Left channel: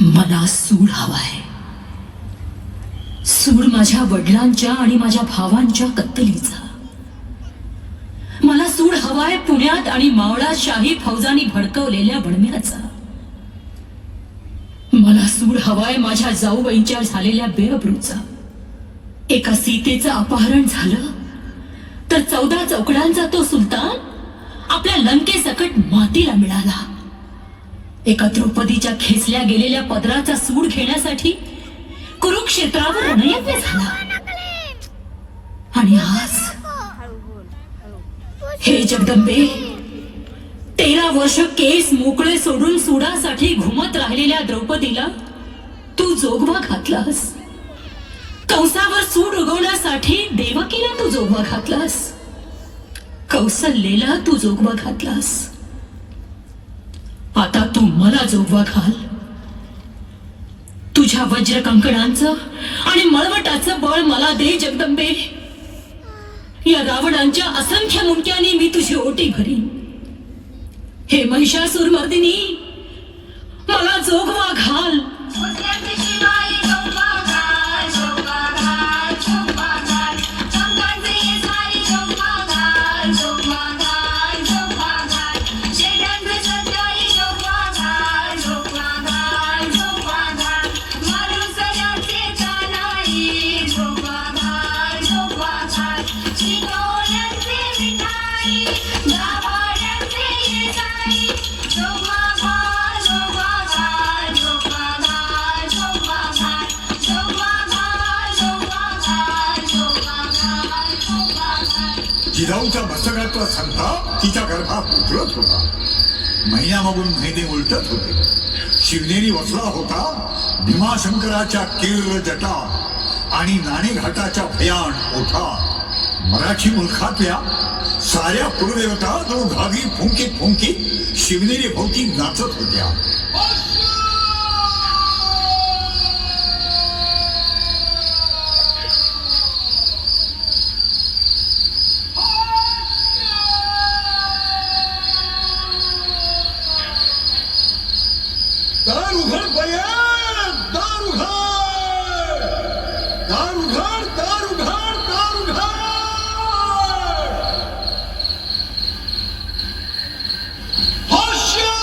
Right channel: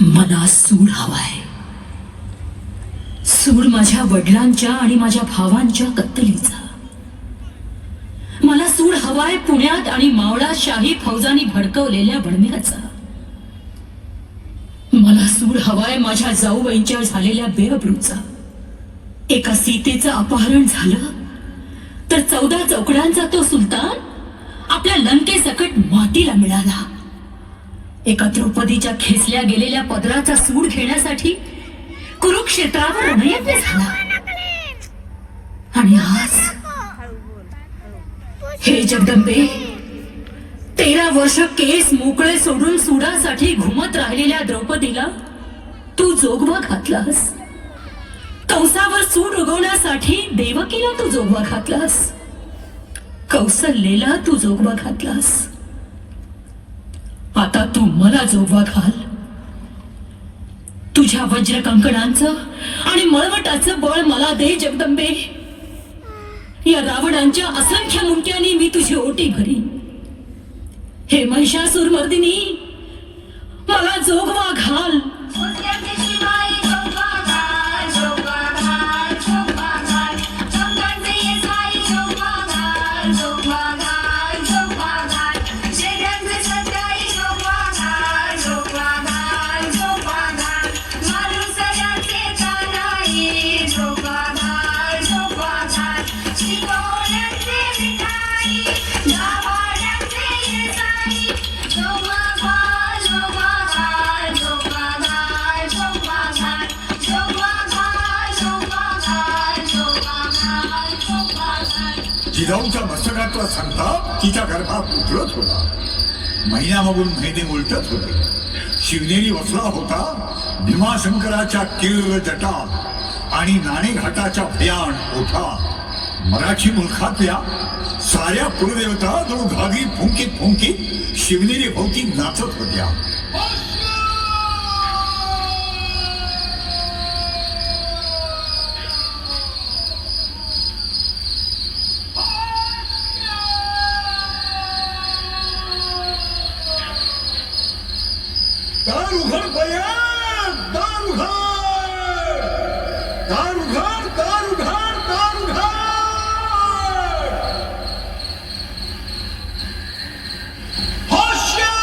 मला सूड हवाय. सूड माझ्या वडिलांच्या आणि माझ्या भावांच्या कत्तलीचा. मला सूड हवाय पुण्यात आणि मावळात शाही फौजांनी भडकवलेल्या बडम्याचा. मला सूड हवाय माझ्या जाऊबाईंच्या झालेल्या बेअब्रूचा. एका सीतेचं अपहरण झालं तर 14 चौकड्यांचा तो सुलतान आपल्या लंकेसकट मातीला मिळाला. एका द्रौपदीच्या खेचल्या गेलेल्या पदराचा सूड घेण्यासाठी कुरुक्षेत्रावर रणयज्ञ झाला. आणि आज हे जगदंबे, 13 वर्ष केस मोकळे सोडून सुडासाठी घुमत राहिलेल्या द्रौपदीला तू जोगवा घातलास. कंसावर सूड उगवण्यासाठी देवकीला तू जोगवा घातलास. कौसल्येला तू जोगवा घातलास. आता तू मला जोगवा घाल. तुझ्या वज्र कंकणांचं आणि मळवटाचं बळ मला दे जगदंबे. या रावणांच्या असंख्य मुंडक्यांनी मी तुझी ओटी भरीन. हे महिषासूर मर्दिनी, मला जोगवा घाल. जिजाऊच्या मस्तकातला संताप तिच्या गर्भात उतरत होता. महिन्यामागून महिने उलटत होते. शिवनेरी वसला होता भीमाशंकराच्या कीर्र जटा आणि नाणेघाटाच्या भयान ओठा. मराठी मुलखातल्या साऱ्या कुलदेवता जणू घावी फुंकीत फुंकीत शिवनेरी भोवती नाचत होत्या. दार उघड बया, दार उघड, दार उघड, दार उघड, दार उघड. होश्या!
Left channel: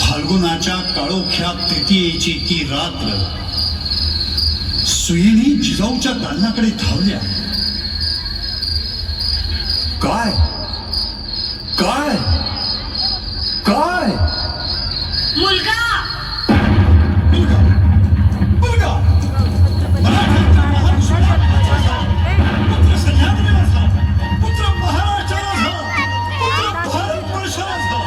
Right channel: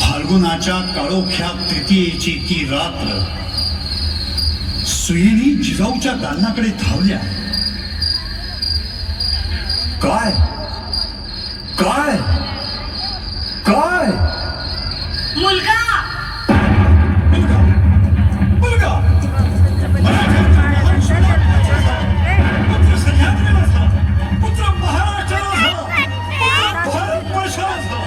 फाल्गुनाच्या काळोख्या तृतीयेची ती रात्र सुयेनी जिजाऊच्या दालनाकडे धावल्या. काय काय काय मुलगा, मुलगा मुलगा पुत्र महाराष्ट्राचा, पुत्र भारतवर्षाचा.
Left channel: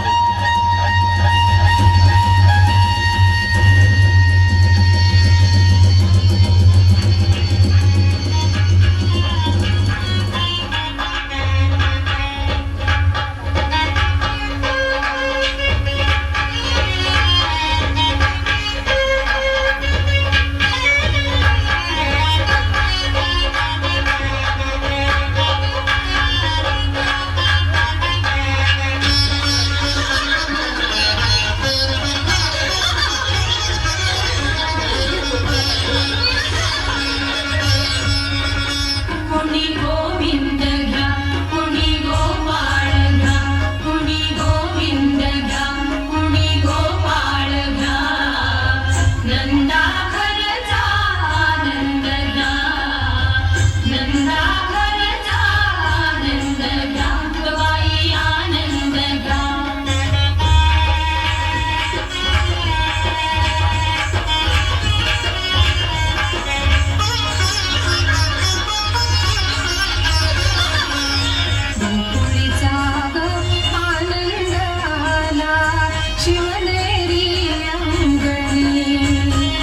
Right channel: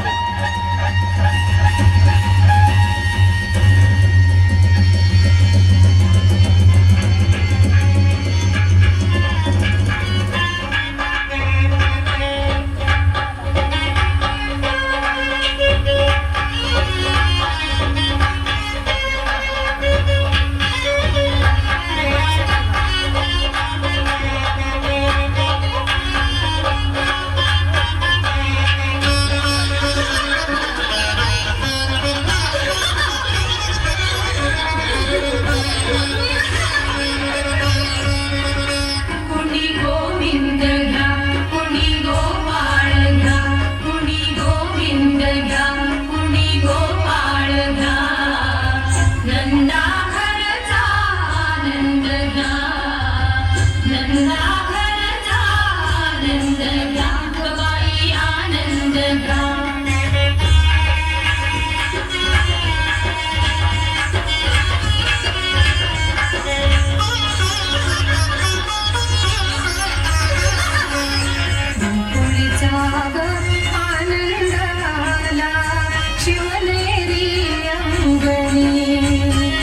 शिवनेरी अंगणी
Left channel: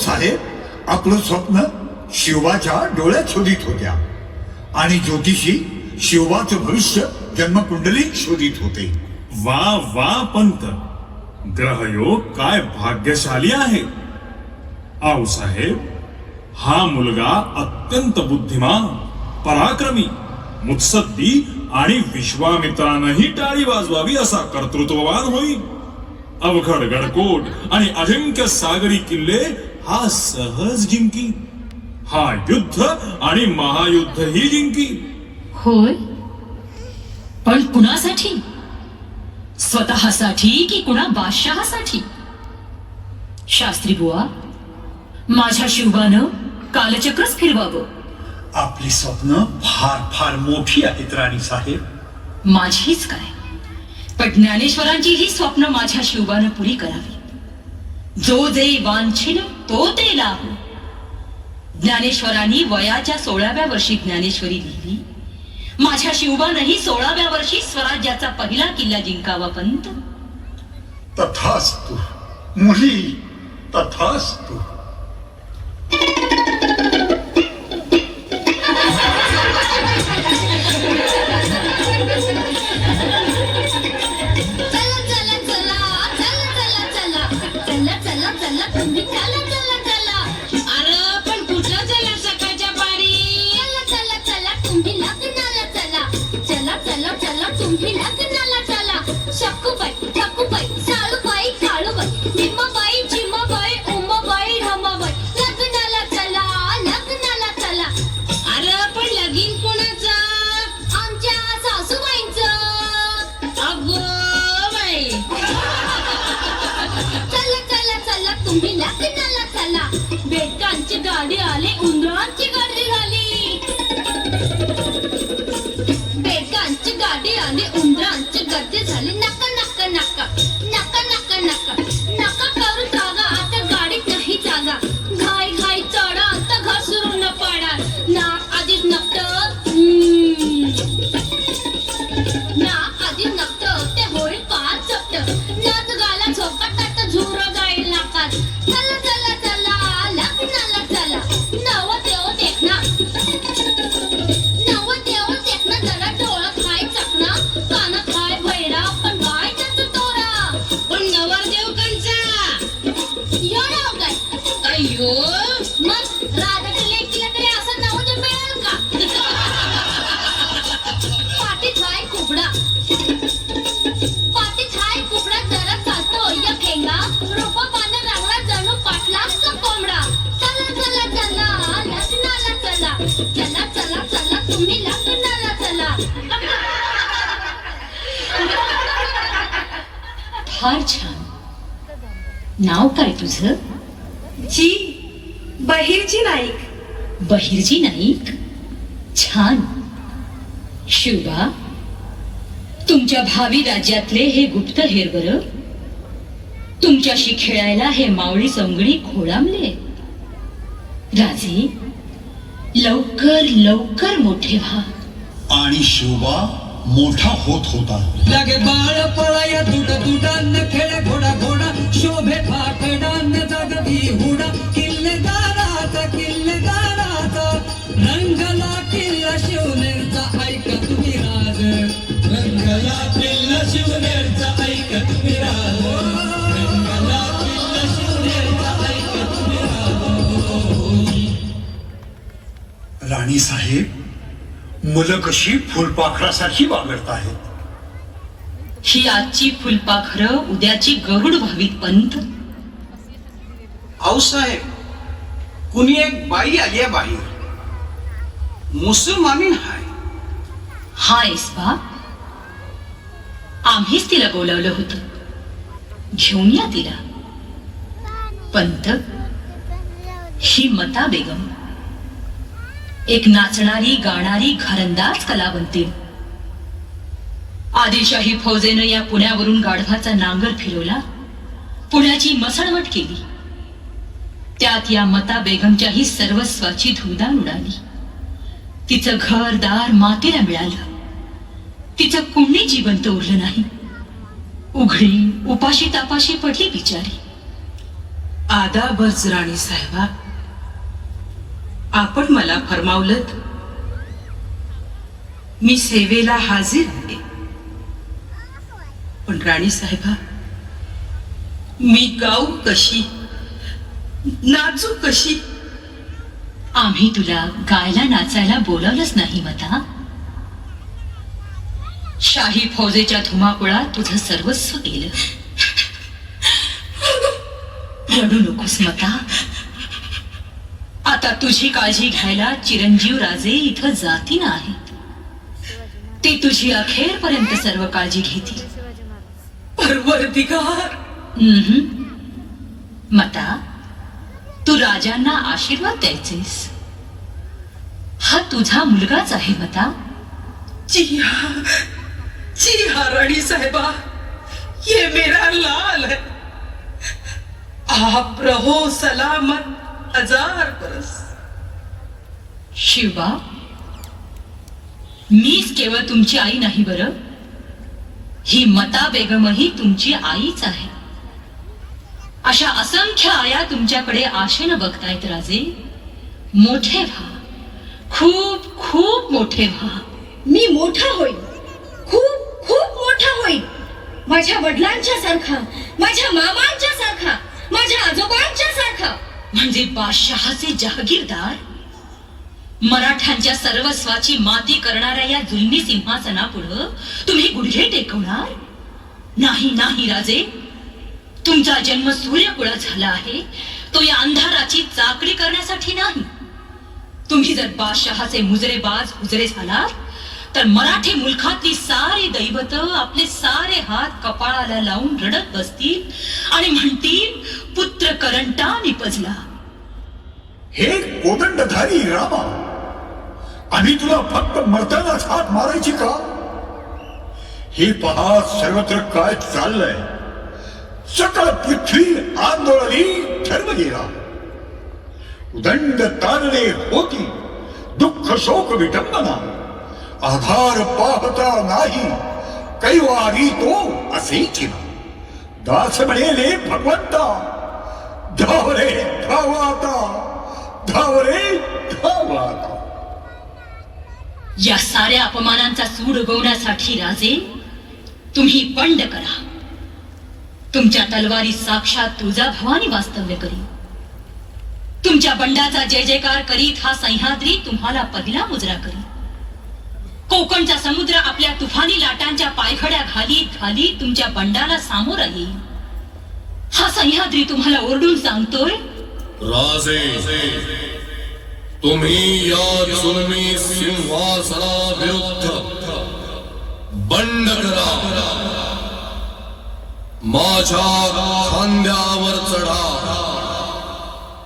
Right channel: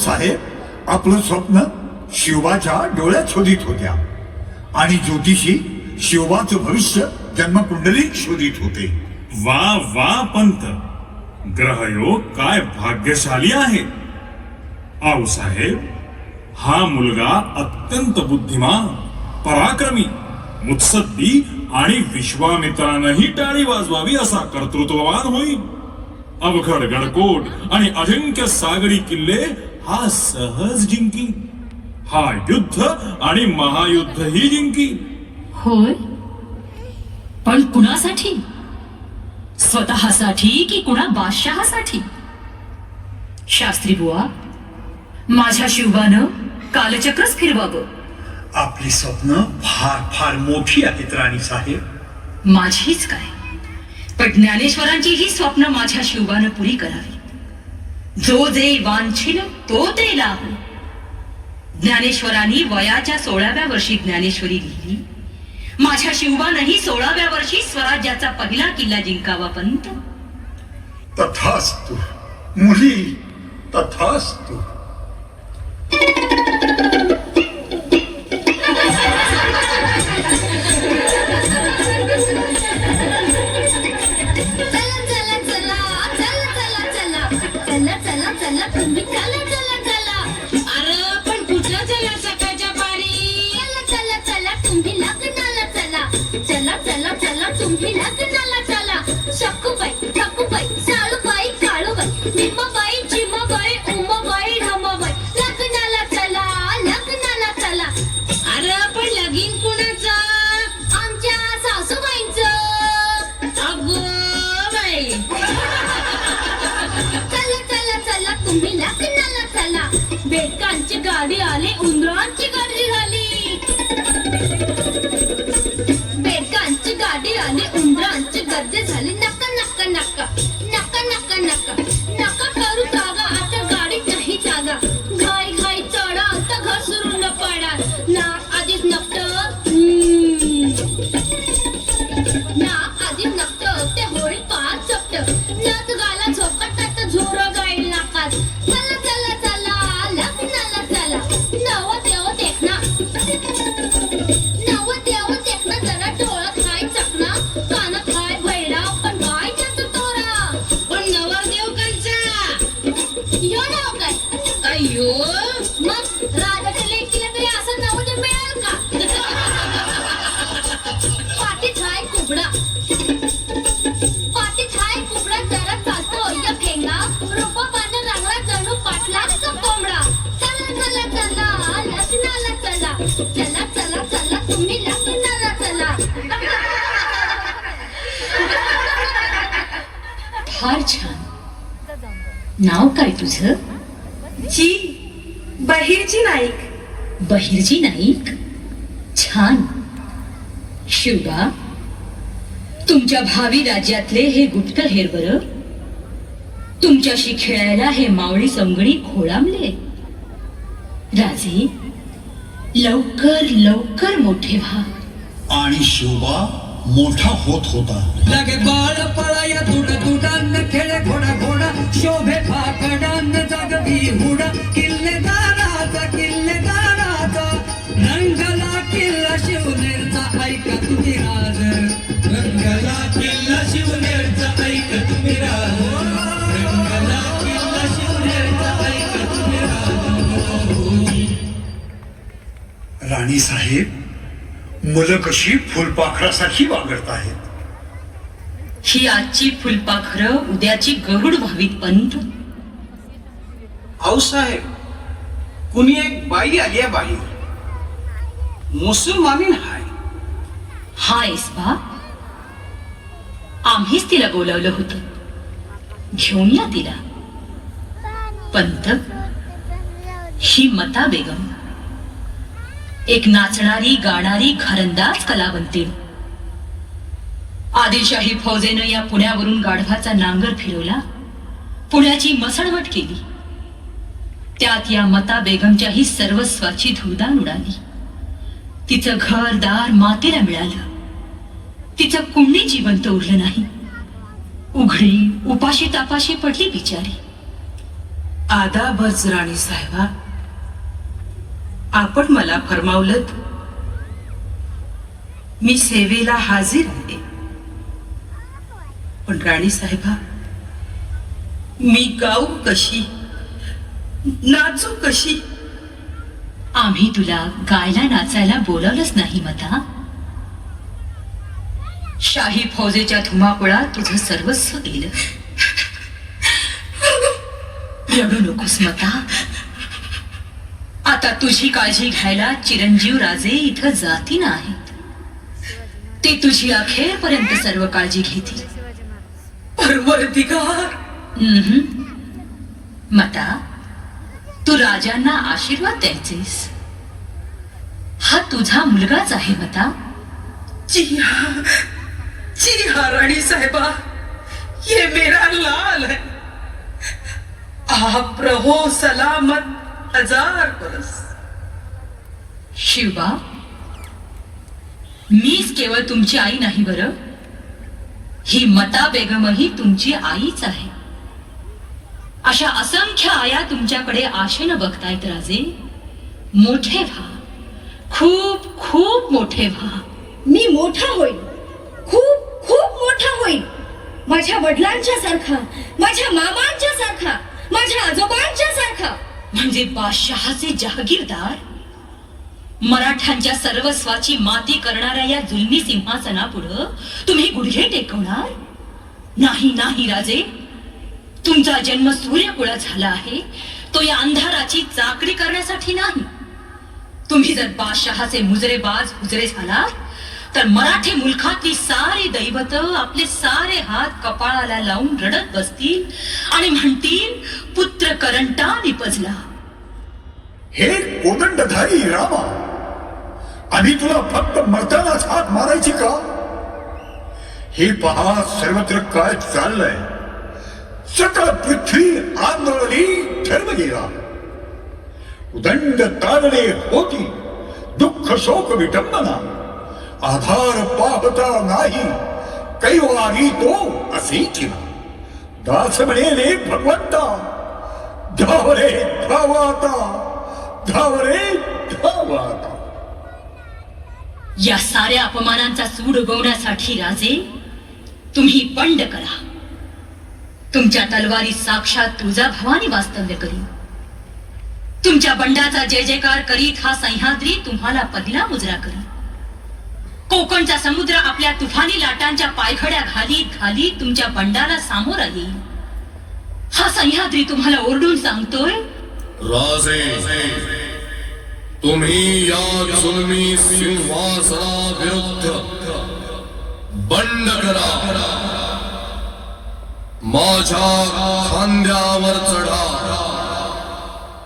साहेब आपलं स्वप्न शिवबाच्या डोळ्यात शोधित होत्या आणि ज्योतिषी शिवबाचं भविष्य जन्मकुंडलीत शोधित होते. वा वा पंत, ग्रहयोग काय भाग्यशाली आहे. आऊसाहेब, हा मुलगा अत्यंत बुद्धिमान, पराक्रमी, मुत्सद्दी आणि विश्वामित्रानंही टाळी वाजवावी असा कर्तृत्ववान होईल. अवघड गडकोट आणि अजिंक्य सागरी किल्ले हा सहज जिंकी. हा युद्ध आणि महायुद्धही जिंकी. होय, पण कुणासाठी? स्वतःसाठी की कुणा बादशहासाठी? शास्त्री बुवा, माझ्या शिवबानं कालचक्रच फिरवावं. आपली स्वप्न फार फार मोठी आहेत राणीसाहेब. माझीच काय, पण ज्ञानेश्वरांची ही स्वप्न माझ्या शिवबानं पुरी करावी. जो जे वांछिल तो ते लाभ. ज्ञानेश्वरांनी वयाच्या 16व्या वर्षी ज्ञानेश्वरी लिहिली. माझ्या शिवबानंही 16व्या वर्षी स्वराज्याचा पहिला किल्ला जिंकावा. पंत, तथास्तु मुली, तथास्तु. बेटांची गाडी आली, उंदरांची गाडी झाली. बेटांची गाडी आली, उंदरांची गर्दी झाली. नका नका नका नका नका नका नका करू जागा, आता गाडीत नाही जागा. घाई घाई चढा, आता घसरून पडा. नाक आधीच नकट, नाक आधीच नकट, ते होळी पार चपट. नथ गाला झोकाट, आता झोर गाईल नाकात. चला चला चला लग्नाला चला. नव देव देखना, नव देव देखना. जरा डोळं खाय चकना, कान खाय भैरा, पण काय त्याचं तोरा. पण नवरदेव कंचा यो नाव काय यो. मग राजाच्या लेकीला तरी असं नवदेव मिळेल का? पाठीत हाय कुबडा, पाठीत हाय कुबडा. जरा चालतो या फेंगा, रूपापानं रांगला जणू पाटलाचा कोंबडा. चला चला चला लग्नाला चला. चला चला चला तुम्ही लग्नाला चला. फार छान. नाव काय तुझं? जी बहिरजी नाईक. बहिर्जी नाईक. छान. शिवबा, तुमच्या भावी राज्यातले हे गुप्तहेर बरं. तुमच्याशी खेळायला हे मावळी संगणी खोळामले. राजे, लवकर लवकर मोठे व्हा. आणि शिवबा मोठा होत होता. लगे बाळ पळाय तुडा तुडान खेळ घोडा घोडा. शोभे फाकडान जागवी हुडा. किल्लेदाराचा किल्लेदाराचा रंगला किल्ला शिवनेरचा. ऐका तुम्ही राज, रंगला किल्ला शिवनेरचा. ऐका तुम्ही राज, रंगला किल्ला शिवनेरचा. ऐका तुम्ही राज. राणीसाहेब, मुलं कशी फुलपाखरासारखी वागत आहेत. ही आजची फुलपाखरं उद्याची गरुड व्हावीत. पंत, आऊसाहेब, कुणी एक बाई आली आहे बाहेर. मुसलमानीन हाय. हायस बा, आम्हीच तिला बोलावलं होतं. घेऊन या तिला. पंत, ही मता बेगम एक नाचणारी गाणारी घरंदाज कलावंतीण. आदिलशाही फौजेनं या पुण्यावरून गाढवाचा नांगर फिरवला, पुण्याची मसणवट केली. त्यात या मता बेगमच्याही सर्वस्वाची धुळदाण उडाली. तिचं घरदार मातेला मिळालं. तिचं कुणी जिवंत उरलं नाही. उघडी उपाशी तापाशी पडली बिचारी. आदाबच राणी साहेबा, आपण मला फरमावलं मी सेवेला हाजीर आहे. पण राणी साहेबा, मी गाऊ कशी, नाचू कशी? आम्ही तुला गायला नाचायला बोलावलंच नाही मता. शाही फौजेच्या धुमाकुळात तुझं सर्वस्व गेलं. रडू नकोस मता. आता तुझी काळजी घ्यायला चिरंजीव राजे इथं जाती नाही. ते तुझी अखेरपर्यंत सर्व काळजी घेतील. परवरदिगार, मता, तू राजांना आशीर्वाद द्यायचेस. हा तुझा मुलगाच आहे मता. जी हाँ रानी साहिबा, ये मेरा लाल है. आप रहो सलामत 1000 बरस. शिवबा, मीच केवळ तुमची आई नाही बरं. ही मता बेगमही तुमची आईच आहे. अशा असंख्य आया तुमच्याकडे आशेनं बघतायत राजे. मोठे व्हा, खूप खूप मोठे व्हा. मी मोठा होईन, खूप खूप मोठा होईन. माझ्या वडिलांच्या सारखा, माझ्या मामांच्या सारखा, माझ्या आजोबांच्या सारखा. म्हणजे बादशहाचे जहागीरदार. मराठ्यांच्या सर्वस्वाची माती करणाऱ्या या जुलमी सिंहासनापुढं तुम्ही गुडघे टेकवणार नाही. नाही राजे, तुमचा जन्म सूर्यकुळात झाला आहे तो या अंधाराची चाकरी करण्यासाठी नाही. तुम्ही जर बादशहाचे मुजरेबाज हुजरे झालात तर मराठी मुलखातली सारी दैवत आपले सारे हात कपाळाला लावून रडत बसतील आणि म्हणतील, पुत्र करंटा निपजला. हे कोदंडधारी रामा, आम्ही तुला फक्त मरतानाच हात मारायची का? हे पहा सर्वत्र काय चाललंय. सकळ पृथ्वी आंदोलनी धर्म गेला. उदंड तारणे होती, दुःख शोक विटंबना. आधार पाहता नाही, कैवारी तो असेची. दास म्हणेले भगवंता, धावरे धावाता, धावरे धावाता. या साऱ्या अपमानांचा सूड उगवण्यासाठी राजे तुम्ही बंड करा. तुमच्या तलवारी साक्षात तुळजाभवानी वास्तव्य करी. तुमच्या बंडाचा जय जयकार करीत हा सह्याद्री तुम्हाला पहिला मुजरा करी. कोकणचा समुद्र आपल्या तुफानी लाटांच्या पायखड्या घालीत घालीत तुमच्या बंडाला सामोरा येईल. हा सह्याद्री तुम्हाला ओरडून सांगतोय, राजे, तुम्ही या जुलमी सिंहासनाविरुद्ध बंड करा. माझ्या खांद्यावर चढा,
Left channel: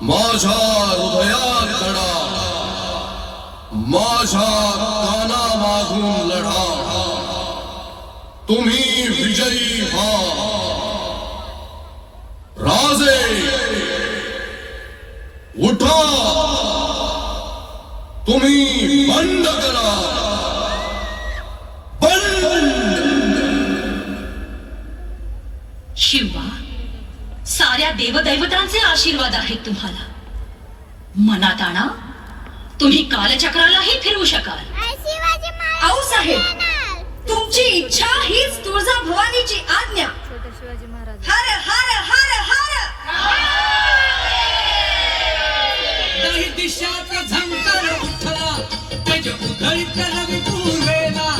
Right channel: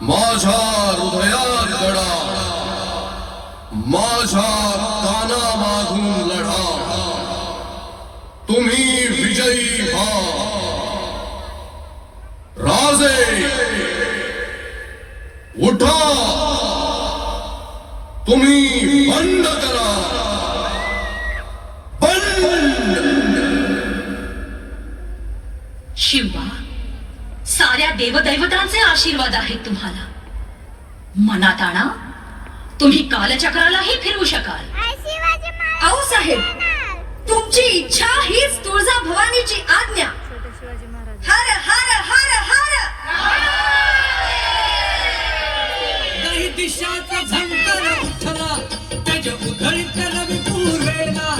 माझ्या हृदयात चढा, माझ्या कानामागून लढा. तुम्ही विजयी व्हा. राजे, उठा, तुम्ही बंड करा. शिवा, साऱ्या देवदैवतांचे आशीर्वाद आहेत तुम्हाला. मनात आणा, तुम्ही कालचक्रालाही फिरवू शकाल. आऊ साहेब, तुमची इच्छा हीच तुळजा भवानीची आज्ञा. हर हर हर हर. काही दिशाचा झंकार उठला, तेज उधळीत रवी पूर्वेला.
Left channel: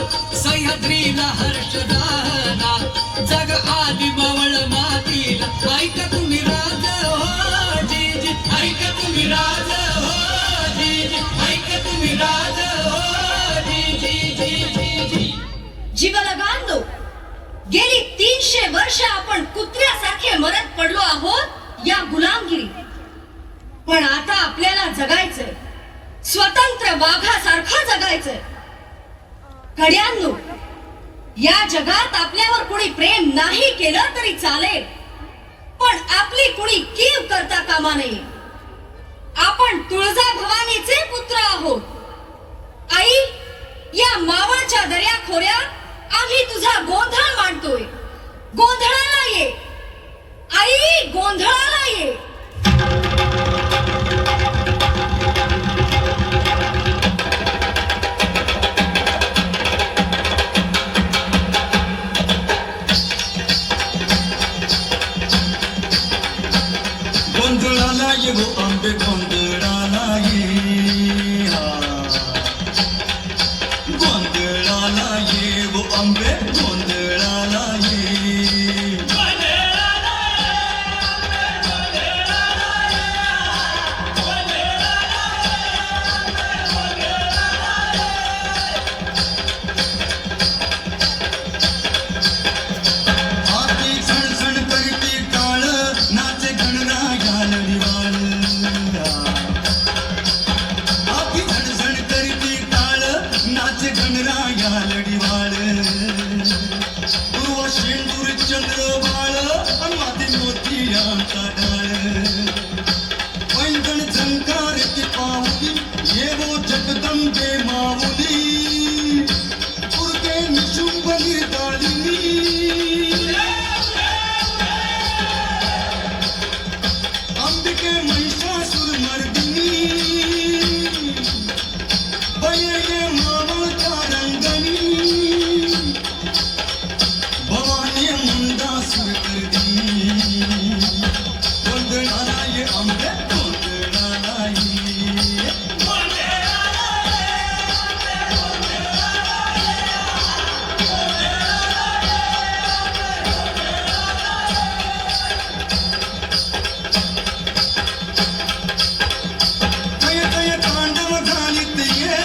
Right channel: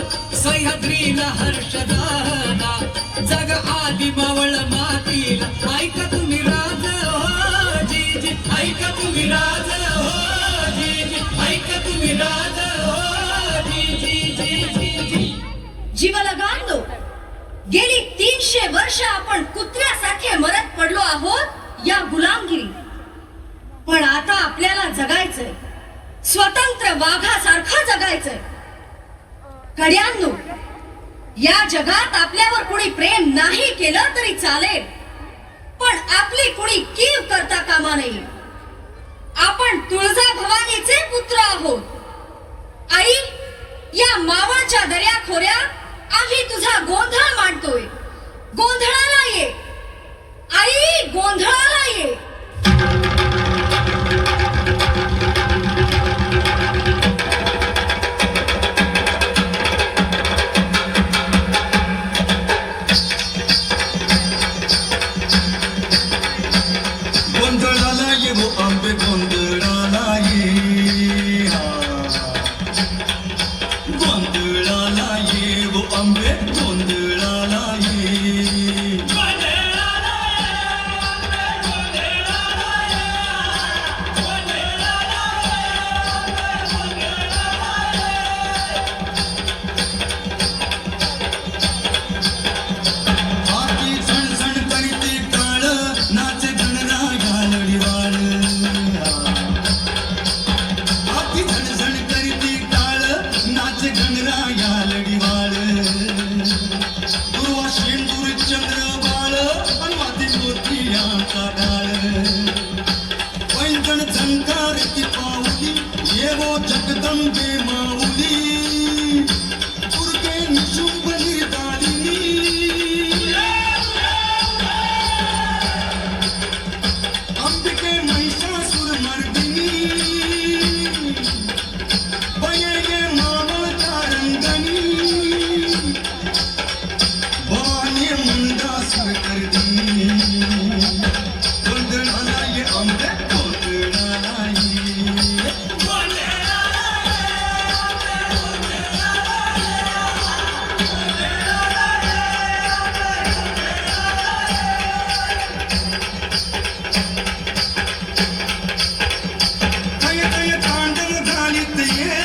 सह्याद्रीला हर्ष झाला, जग आली बवळ मातीला. ऐका तुम्ही राज हो जीजी, ऐका तुम्ही राज हो जीजी, ऐका तुम्ही राज हो जीजी. जीवलगांनो, गेली 300 वर्ष आपण कुत्र्यासारखे मरत पडलो आहोत या गुलामगिरी. पण आता आपल्याला जगायचंय, स्वतंत्र वाघासारखं जगायचंय. कड्यांनो, या जगात आपल्यावर कुणी प्रेम नाही केलं तरी चालेल, पण आपली कुणी कीव करता कामा नये. आपण तुळजा भवानीचे पुत्र आहोत. आई, या मावळच्या दर्याखोऱ्यात आम्ही तुझा गोंधळ मांडतोय. गोंधळाला ये आई, गोंधळाला ये. गोंधळाला ये वो आंबे गोंधळाला ये गोंधळाला ये वो आंबे गोंधळाला ये आती झणझण करती काळ नाचे गणराया लढीवाळ आती झणझण करती काळ नाचे गणराया लढीवाळ पूर्वा शेंदूर चंद्र बाळ आणि माती मोतियांचा डाळ पैंजण झंकारती पावली येवो जगदंबे माऊली दुर्गे निशुंभ निर्दाळिनी अंबिके महिषासुर मर्दिनी बये मावळ कारंगणी भवानी मंदासुर कर्दिनी गोंधळाला ये आंबे गोंधळाला ये कय कय तांडव घालीत ये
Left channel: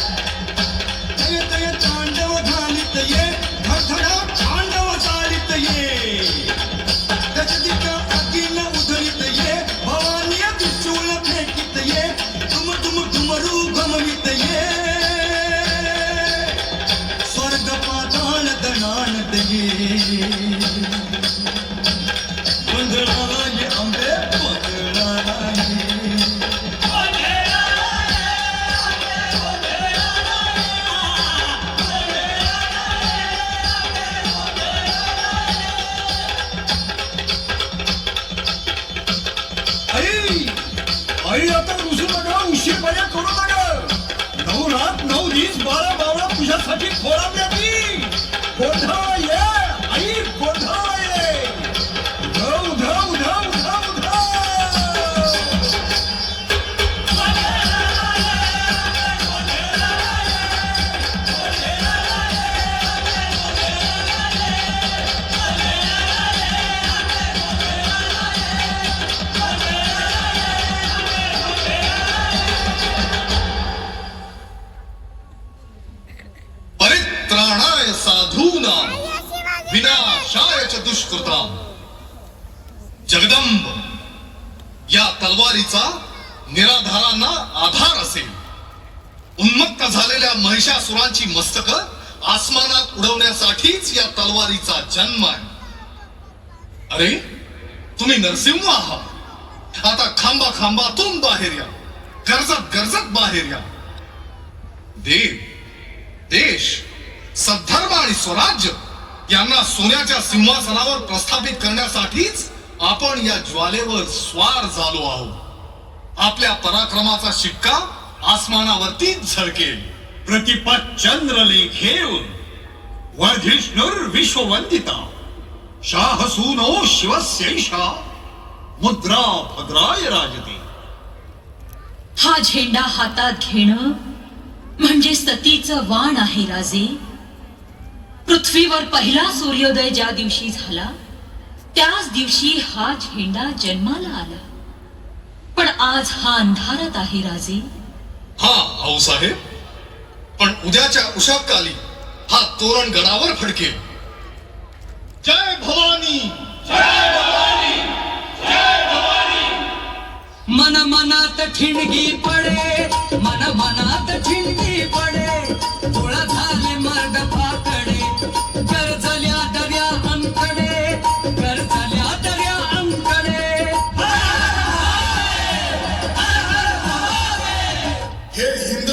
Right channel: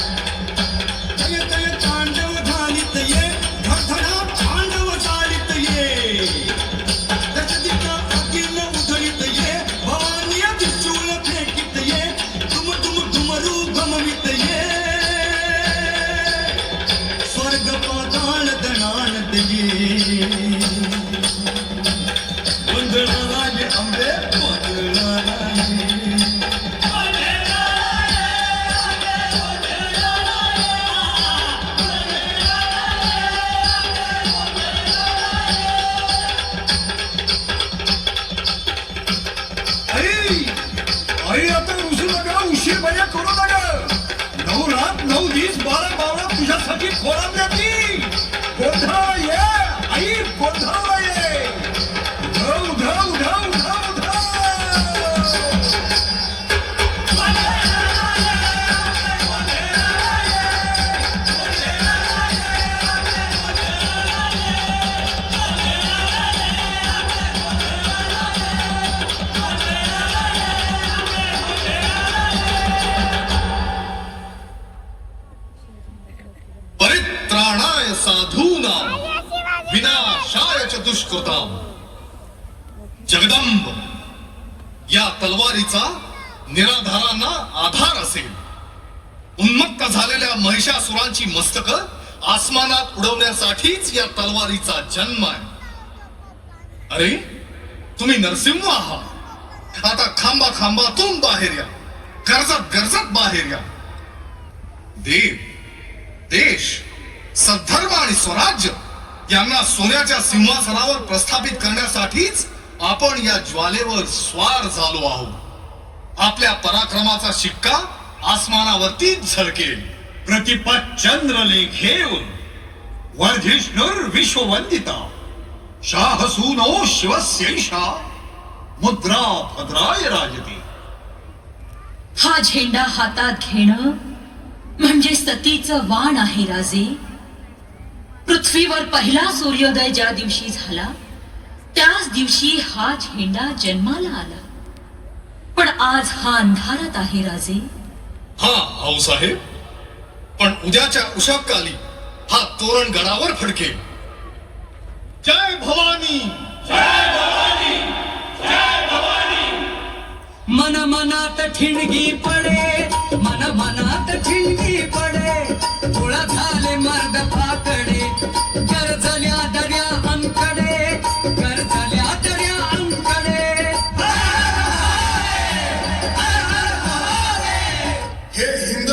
कय कय तांडव घालीत ये धडधडा तांडव चालित ये गजदिका अगीन उधळीत ये भवानी त्रिशूल फेकीत ये डुम डुम डुमरू गमवित ये स्वर्ग पाताळ दणाणत ये गोंधळाला ये आंबे गोंधळाला ये आई आई आता रुसू नका उशीर बया करू नका 9 रात 9 दिवस 12 बावळा तुझ्यासाठी खोळंबल्याची गोंधळाला ये आई गोंधळाला ये उधळ उधळ उधळ उधळ उधळ परित्राणाय साधूनां विनाशाय च दुष्कृतां जगदंब या तलवारीचा निराधारांना आधार असेल उन्मत्त झालेल्या महिषासुरांची मस्तक आसमानात उडवण्यासाठीच या तलवारीचा जन्म आहे अरे तुम्ही नरसिंह आहात आता खांबा खांबातून बाहेर या गरजत गरजत बाहेर या देव देश सद्धर्म आणि स्वराज्य यांना सोन्याच्या सिंहासनावर प्रस्थापित करण्यासाठीच आपण या ज्वालेवर स्वार झालो आहोत आपल्या पराक्रमाचा शिक्का आसमानावरती झळकेल प्रतिपत चंद्र लेखेऊन वर्धिष्णुर विश्ववंदिता शाहसूनो शिवस्यैषा मुद्रा भद्राय राजते हा झेंडा हातात घेणं म्हणजे सतीचं वाण आहे राजे पृथ्वीवर पहिला सूर्योदय ज्या दिवशी झाला त्याच दिवशी हा झेंडा जन्माला आला पण आज हा अंधारात आहे राजे हा आऊसाहेब पण उद्याच्या उषाकाली हा तोरण गडावर फडकेल जय भवानी मन मनात ठिणगी पडे मन मनात ठिणगी पडे गोळा झाले मर्द फाकडे गरजल्या दर्या अंकडे गरजल्या दर्या अंकडे हे हिंद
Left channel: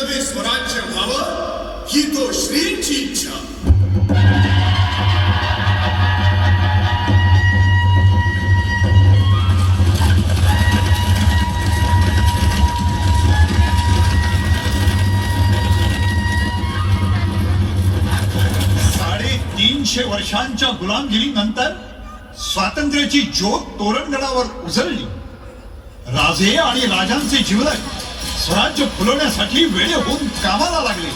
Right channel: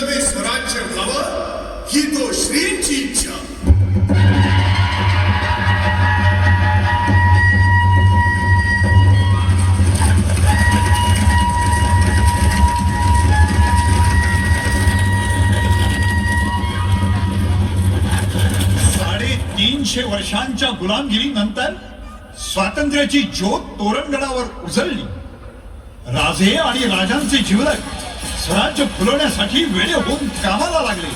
200 वर्षांच्या गुलामगिरीनंतर स्वातंत्र्याची ज्योत तोरणगडावर उजळली. राजे आणि राजांचे जीवलग स्वराज्य फुलवण्यासाठी वेळे होऊन कामाला लागले.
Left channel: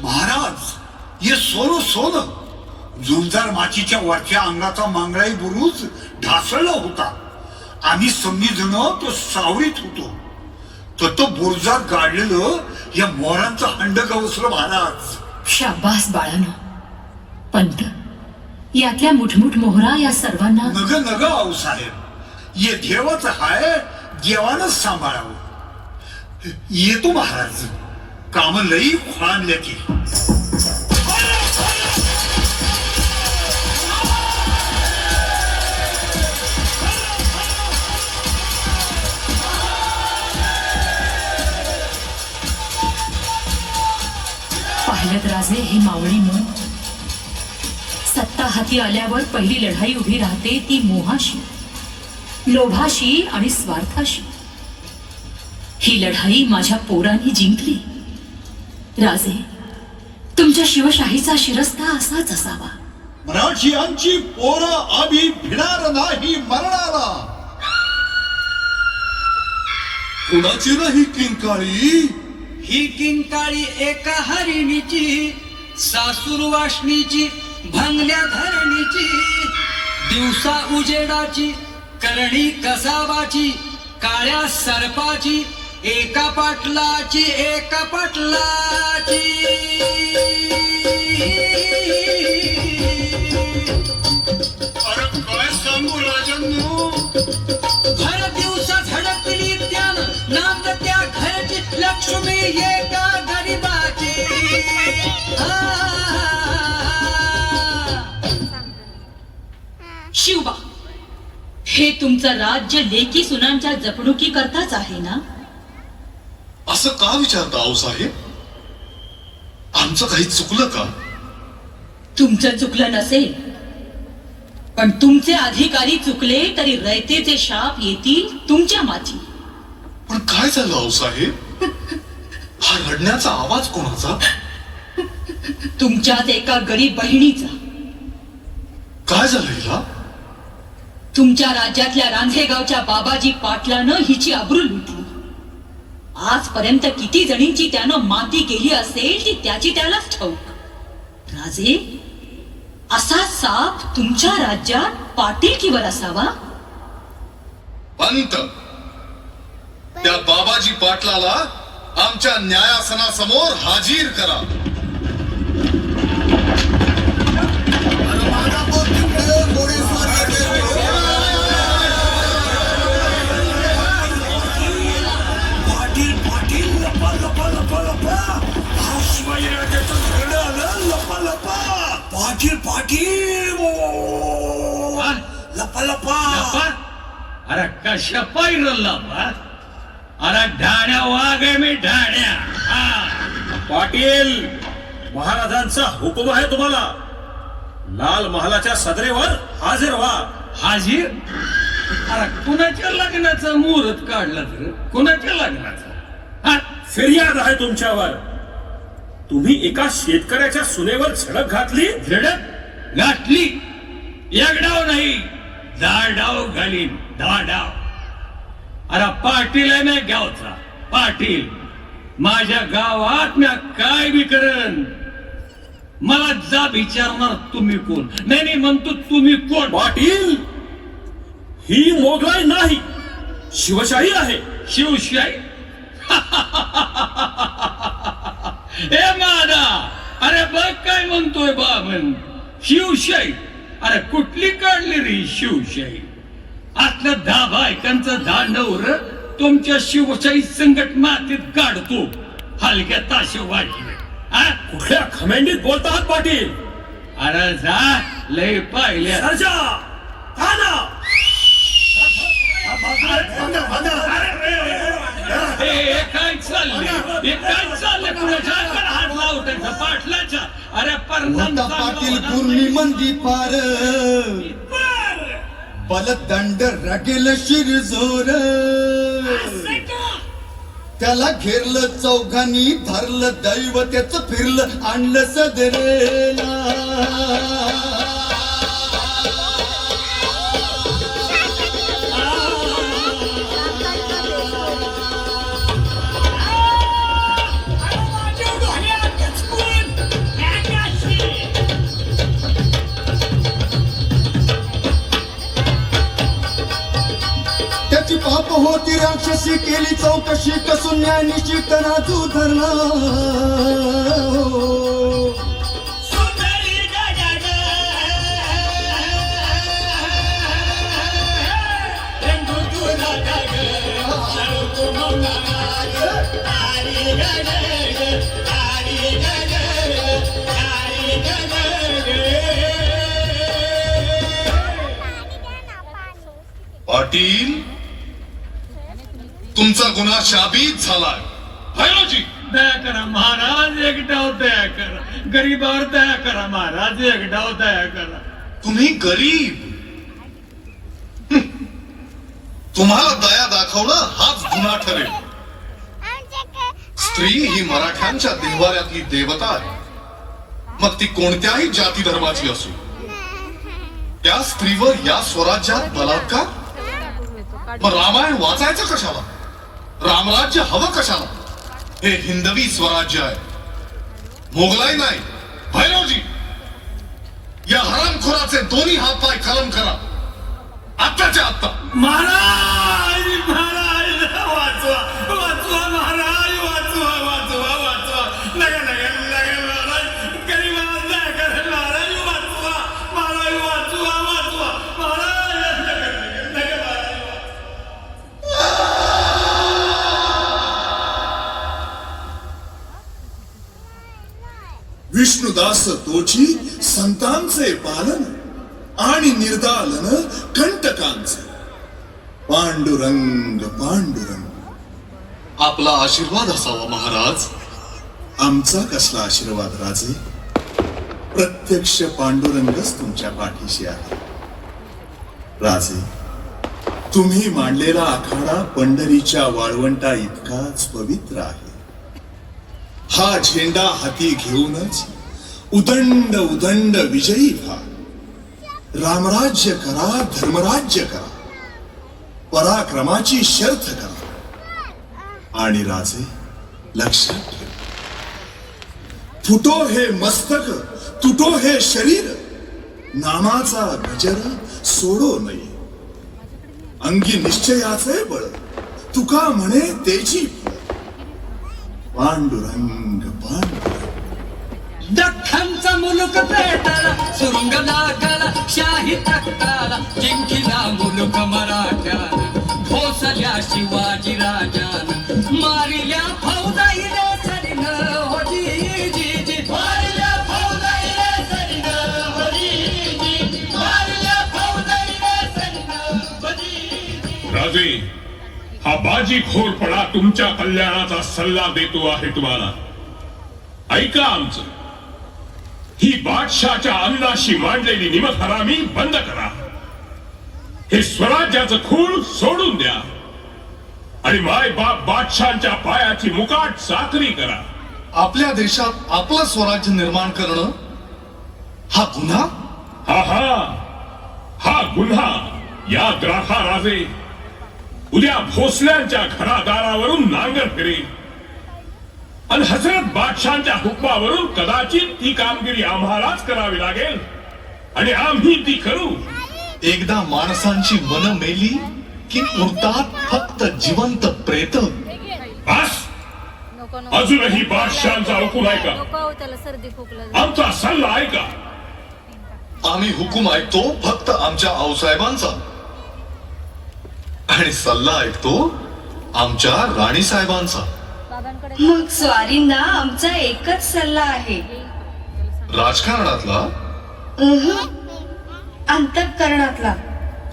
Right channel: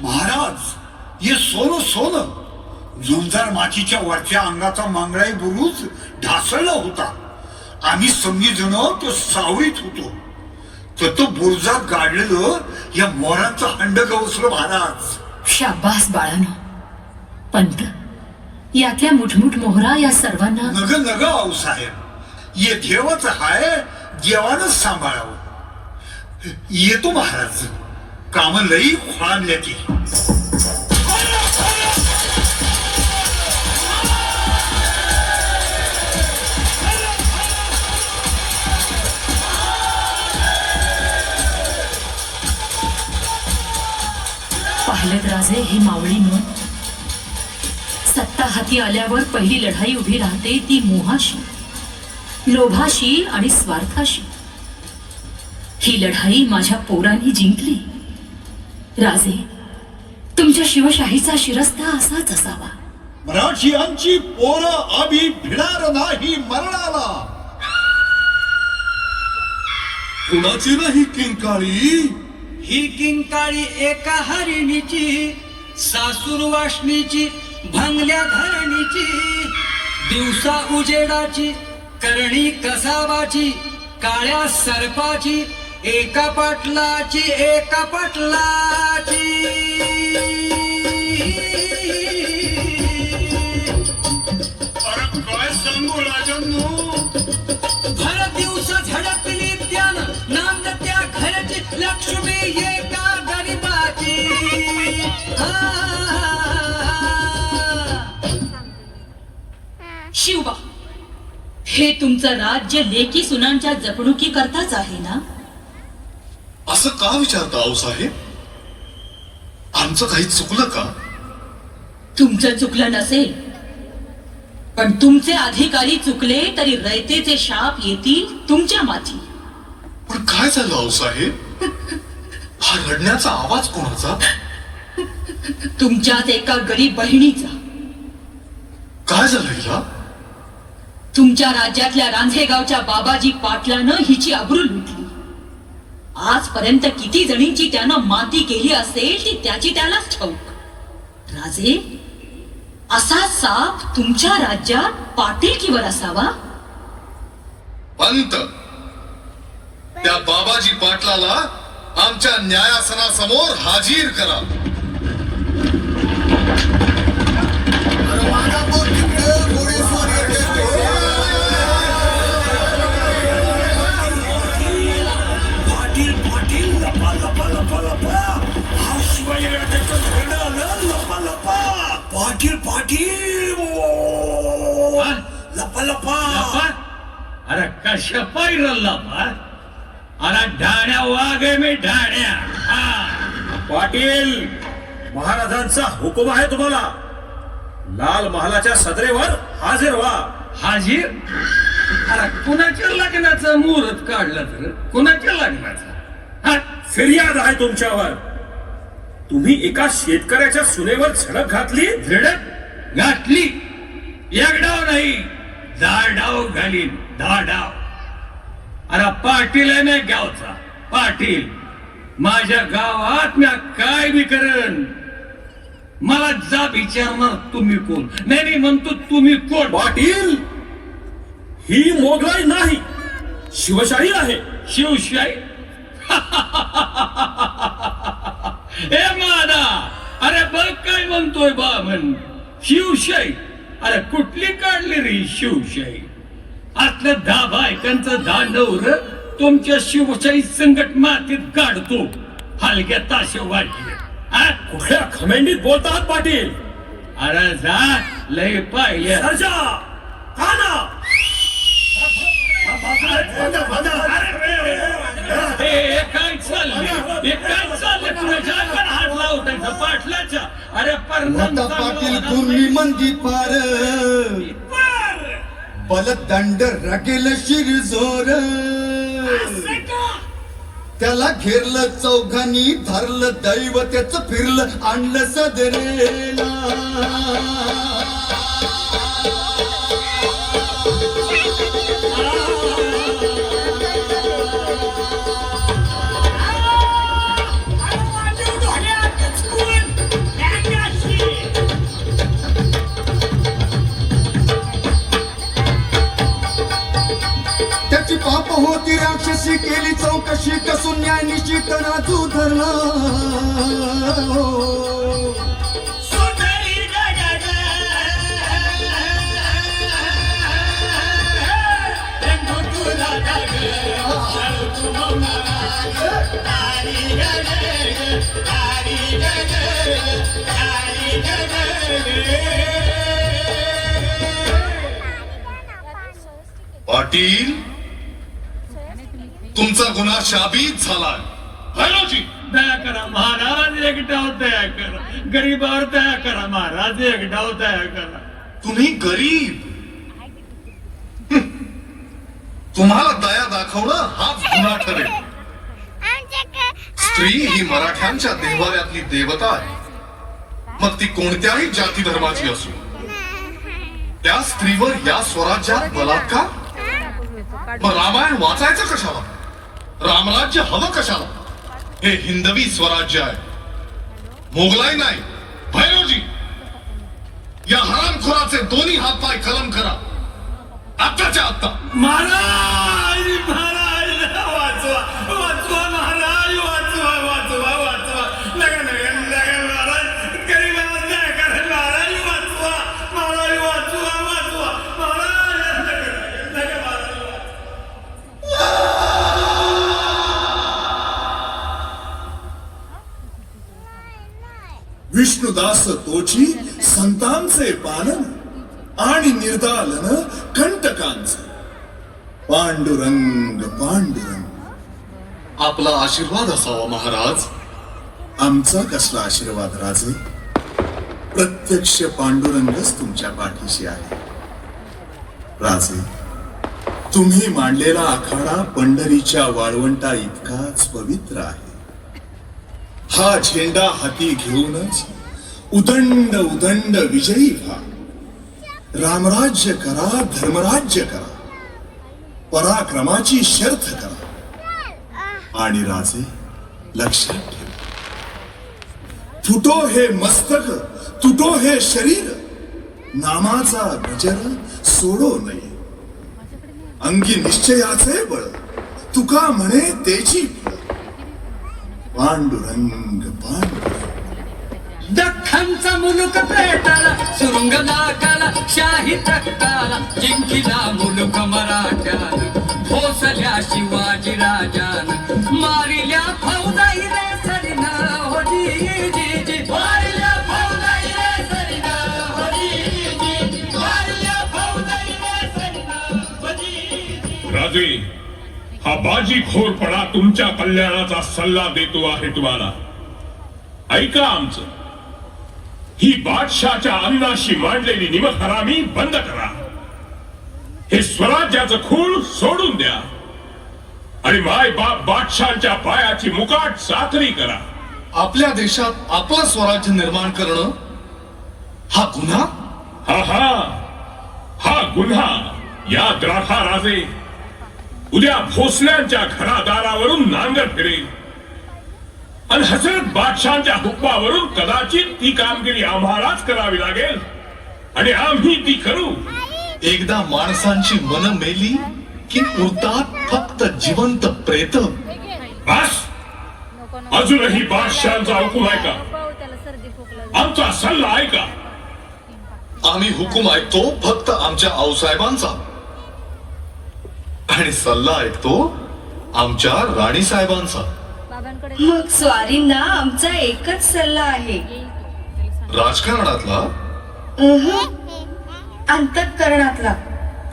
महाराज ये सोनं सोनं झुंजार माचीच्या वरच्या अंगाचा मांगळाई बुरुज ढासळला होता. आम्ही समजी जण तो सावरीत होतो. तर तो बुरजात गाडलेलं या मोरांचं हंड गवसलं महाराज. शाबास बाळानो. पंत, यातल्या मुठमुठ मोहरा या सर्वांना नग नग आऊसाहेब, ये देवाच हाय, देवानच सांभाळावं. येतो महाराज, काम लई खोळांल्या ती. पाहिलं राजे, हे मावळी मन. सत्ता हाती आल्यावर पहिली लढाई उभी राहते ती मोहाशी, लोभाशी आणि स्वार्थाशी. ही लढाई माझ्या पोरांनी जिंकली. राजे, तुमच्या शिवशाहीचा शिरस्ता असाच असावा. मराठियांची पोरं आम्ही भिणार नाही मरणाला. कुणाची नाही किंकाळी, ही किंकाळी एका हरिणीची, सासूर वासनीची, भंगल्या धरणीची, दिवसा उजेडाची, करणी कसाबाची, काळ्या सर्पाची, एका पाटलाची, एका पाटलाची. अरे काय सांगू राजांनो, भर दिवसा झडकली त्यानं नांद त्या घरची, लक्ष्मी एका गरीबाची. शिवबा, हे तुमचं राज्य लेकी सुनांच्या जपणुकी करताच आहे ना? असं का विचारता आऊसाहेब? आमचं काही चुकलं का? तुमचं चुकलं नसेल, पण तुमचे अधिकारी चुकले तरी रयतेचे शाप येतील तुमच्या माथी. पण काय झालं आऊसाहेब? हा रडण्याचा आवाज कोणाचा? तुमच्यात एका गरीब बहिणीचा. काय झालं हिला? तुमच्या राज्यातल्या रांझेगावच्या बाबाजी पाटलानं हिची अब्रू लुटली. आजपर्यंत किती जणींची त्यानं माती केली असेल ती त्याची त्यालाच ठाऊक. राजे, असा साप तुमच्या राज्यात पाटीलकीवर असावा? पंत, त्या बाबाजी पाटलाला आमच्या न्यायासनासमोर हाजीर करा. पाटील पाटील लपा लपा. अरे कशा पाहिलं अरे ढाण्या वाघ आहे मी, ढाण्या. पाटील, महाराजांचा हुकुम आहे तुम्हाला. लाल महालाच्या सदरेवर हाजीर व्हा. हाजीर? अरे कुणाच्या लग्नाचं मुहूर्त काढलं तर? कुणाच्या लग्नाचं? फिर्याद आहे तुमच्यावर. तुम्ही एका शेतकऱ्याच्या सुनेवर झडप घातली. झडप घातली? एक डाव नाही, 10 डाव घालीन, 10 डाव. अरे पाटील आहे मी गावचा, पाटील. माझ्या गावात मी काय बी करेन. मला जा विचारणार तुम्ही कोण? नाही म्हणतो तुम्ही कोण? पाटील, ही मोगलाई नाही, शिवशाही आहे. शिवशाही? ए माना, अरे बघ काय म्हणतोय बाबन, शिवशाही. अरे कुठली काढली रे शिवशाही? असलं 10 बायकांचं दांडवर तुमच्या शिवशाही संकट मातीत काढतो. हलक्या ताशे वाजले. कुठल्या खमेंडीत बोलतात पाटील? अरे जा, लय पाहिले. सरजा, हा ना. हे काय चाललंय कुणाच्या हात लावतात पाटलाच्या? अरे पाटील पूर्णी मंदी पार बलदंड रगेल शिरजोर त्याला घेरलं चौघांनी धरलं दैव त्याच फिरलं आणलं सदरेला त्याची पाप होती राक्षसी केली चौकशी कसून न्याय निश्चित नाजू धरला पाटील, तुमचा गुन्हा शाबीत झालाय. भैरवजी, दया करा महाराज, एक डाव दया करा. गरीबावर दया करा महाराज, एक डाव दया करा. तुम्ही गरीब, तुम्हाला दया दाखवणं हाच गुन्हा ठरेल. स्त्री ही मराठ्यांच्या देवाऱ्यातली देवता आहे, मग ती कोणत्याही जाती धर्माची असो. त्या स्त्रीवर या स्वराज्यात बलात्कार? मग रामायण वाचायचं कशाला? रामराज्य हवं कशाला? हे हिंदवी स्वराज्य आहे, मोगलाई नाही. भैरवजी, या हरामखोराचे दोन्ही हात पाय कलम करा आत्ताच्या आत्ता. महाराज महाराज, वाचवा वाचवा महाराज, वाचवा वाचवा वाचवा. नका नका नका महाराज, गरीबावर दया करा महाराज, वाचवा महाराज, वाचवा वाचवा महाराज, नका नका महाराज. विष्णुदास तोची संतांचे पालन आणि निर्दालन कंटकांचे. पांडुरंग पांडुरंग. आपला आशीर्वाद असावा महाराज. आमचा कसला आशीर्वाद राजे? प्रत्यक्ष पांडुरंगच तुमच्या पाठीशी आहे. राजे, तुम्ही मांडलेला आखाडा पंढरीच्या वाळवंटा इतकाच पवित्र आहे. हा झेंडा हाती घेऊनच उदंड उदंड विजयी व्हा. रामराज्य करा, धर्मराज्य करा, पराक्रमाची शर्थ करा. आणि राजे, लक्षात ठेवा, फुटो हे मस्तक, तुटो हे शरीर, नामाचा गजर सोडो नये. अंगी निश्चयाचे बळ, तुका म्हणे तेची फळ. पांडुरंग पांडुरंग. दख्खनचा मुलुक पेटाला, सुरुंग लागला शाही तख्ताला, जिंकिला मुलुक मराठ्यानं, भोसल्या शिवाजी राजानं, मारिल्या फौजाई रे सरीनं, हो जी जी जी, मारिल्या फौजाई रे सरीनं, हो जी जी, मारिल्या फौजाई रे सरीनं, हो जी जी. राजे, हा बाजीखोरपणा तुमच्या कल्याणाचा सल्ला देतो आहे तुम्हाला. ऐका आमचं. ही बादशाच्या अन्नाशी मांडलेली निमहरामी बंद करा. हे स्वराज्याचं खूळ सोडून द्या आणि माय बाप बादशांच्या पायाची मुकाट साखरी करा. आपल्या देशात आपलं स्वराज्य निर्माण करणं हा गुन्हा? हा हा हा गुन्हा. याद राखा राजे, उद्या भोसल्यांच्या घरादारावरून नांगर फिरेल आणि हजरत बादशांच्या हुकमावरून कदाचित ती कामगिरी आम्हालाच करावी लागेल आणि आम्ही ती करू. एकदा माणसांची मन मेली की उरतात फक्त जिवंत प्रेत. बस, अजूनही बादशाहांचा हुकूम ऐका, आमचा सल्ला ऐका. आम्ही हुकूम ऐकतो फक्त आमच्या आऊसाहेबांचा, आणि सल्ला ऐकतो आमच्या राणी साहेबांचा. मग स्वारींना आमचा एकच सल्ला आहे, राजकारणातला. अंतःकरणातला.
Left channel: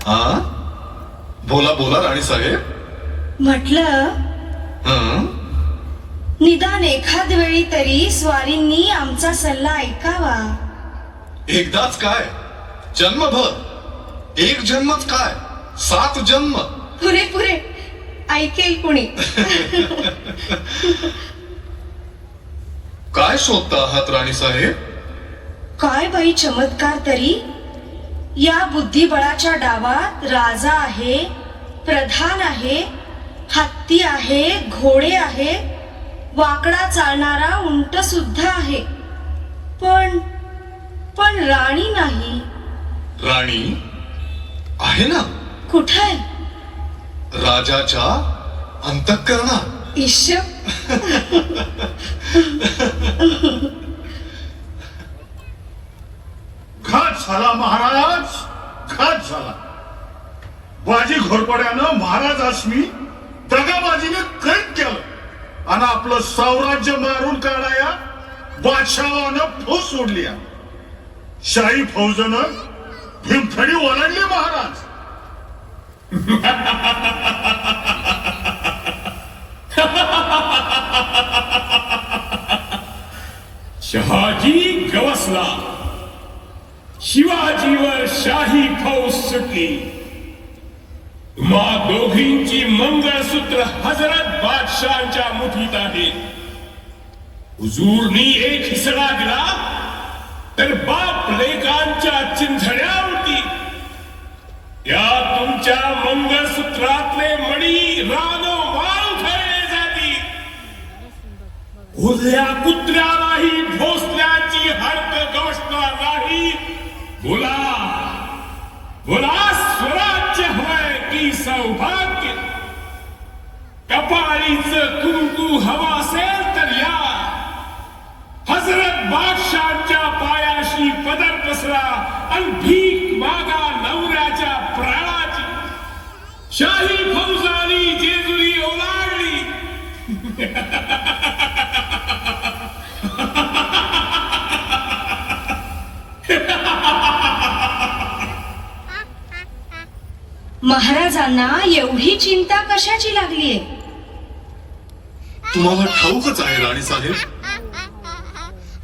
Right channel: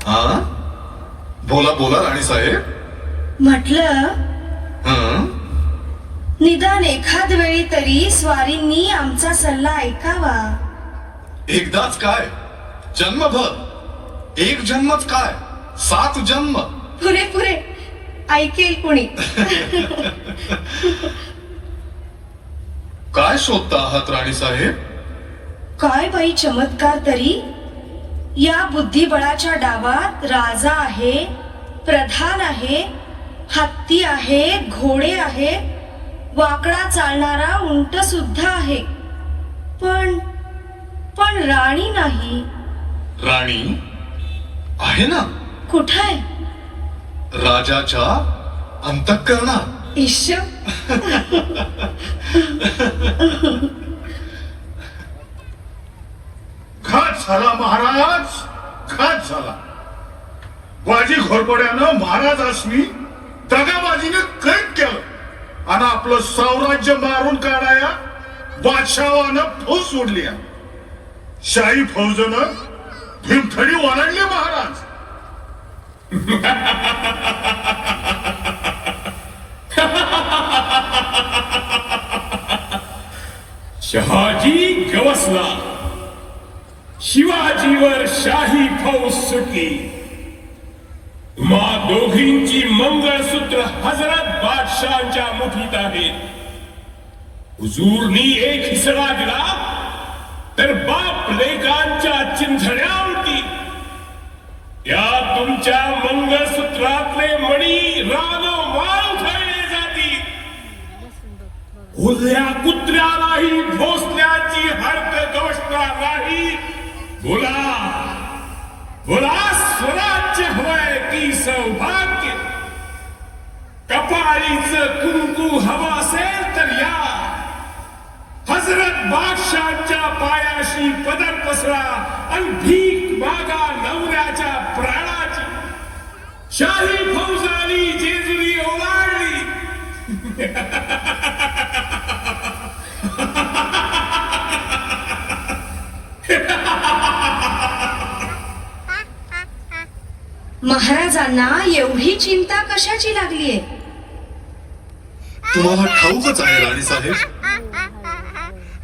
हा, बोला बोला राणी साहेब. म्हटलं हं? निदान एखाद वेळी तरी स्वारींनी आमचा सल्ला ऐकावा. एकदाच काय, जन्मभर. एक जन्मच काय, 7 जन्म. पुरे पुरे ऐकेल कुणी. काय शोधता आहात राणी साहेब? काय बाई चमत्कार तरी. या बुद्धिबळाच्या डावात राजा आहे, प्रधान आहे, हत्ती आहे, घोडे आहे, वाकडा चालणारा उंट सुद्धा आहे, पण पण राणी नाही. राणी आहे ना. कुठं आहे? राजाच्या अंतःकरणात. ईश. घात झाला महाराज, घात झाला. बाजी घोरपड्यानं महाराजासनी दगाबाजीने कैद केलं आणि आपलं साम्राज्य मारून काढाया बादशाहानं फौज सोडली. शाही फौजनं भीमथडी ओलांडली महाराज. शहाजी गवसला, शिवाजीवर शाही फौज सुटली. मा दोघींची मंगळसूत्र हजरत बादशाहांच्या मुठीत आहे. हुजूरनी एक हिसडा दिला तर बाप लेकांच्या चिंधड्या उडती. या तुमच्या मंगळसूत्रातले मणी रानोमाळ खेळले जातील. उरल्या कुत्र्यालाही भोसल्याची हडक गवसणार नाही. बोला बोला, स्वराज्य हवंय की सौभाग्य? कपाळीचं कुंकू हवा असेल तर या. हजरत बादशाहांच्या पायाशी पदर पसरा आणि भीक मागा नवऱ्याच्या प्राणाची. शाही फौजानी जेजुरी ओलांडली. महाराजांना एवढी चिंता कशाची लागलीये? तुम्हाला ठाऊकच आहे राणी साहेब,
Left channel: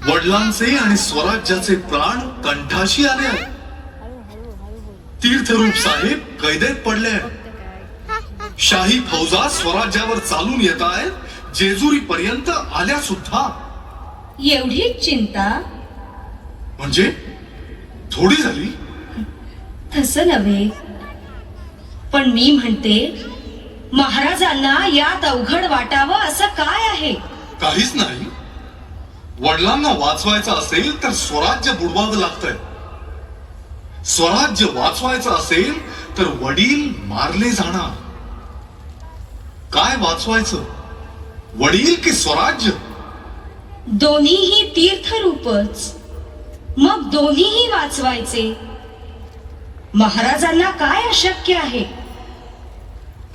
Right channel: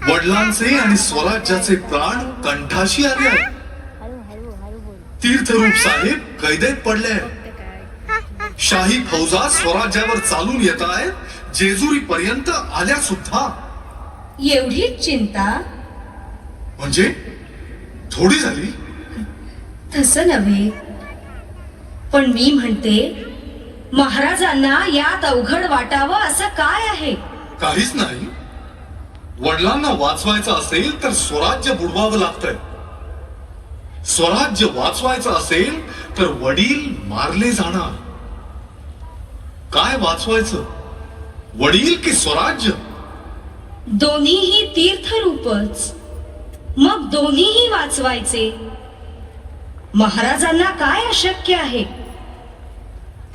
वडिलांचे आणि स्वराज्याचे प्राण कंठाशी आले आहेत. तीर्थरूप साहेब कैदेत पडले आहेत. शाही फौजा स्वराज्यावर चालून येत आहेत, जेजुरी पर्यंत आल्या सुद्धा. एवढीच चिंता? म्हणजे थोडी झाली? तसं नव्हे, पण मी म्हणते महाराजांना यात अवघड वाटावं असं काय आहे? काहीच नाही. वडिलांना वाचवायचं असेल तर स्वराज्य बुडवावं लागतंय. स्वराज्य वाचवायचं असेल तर वडील मारले जाणार. काय वाचवायचं, वडील की स्वराज्य? दोन्हीही तीर्थरूपच, मग दोन्हीही वाचवायचे. महाराजांना काय अशक्य आहे?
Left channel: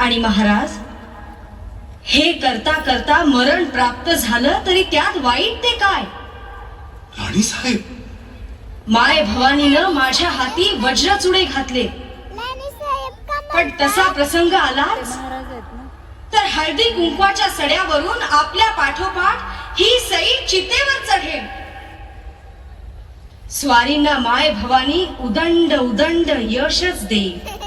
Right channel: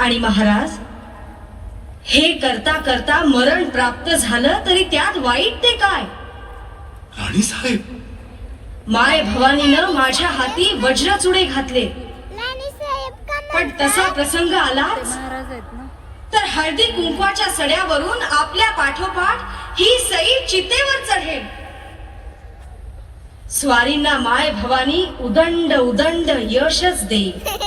आणि महाराज हे करता करता मरण प्राप्त झालं तरी त्यात वाईट ते काय? राणी साहेब, माय भवानीनं माझ्या हाती वज्रचुडे घातले, पण तसा प्रसंग आलाच तर हळदी कुंकवाच्या सड्यावरून आपल्या पाठोपाठ ही सई चितेवर चढेल. स्वारींना माय भवानी उदंड उदंड यशच देईल.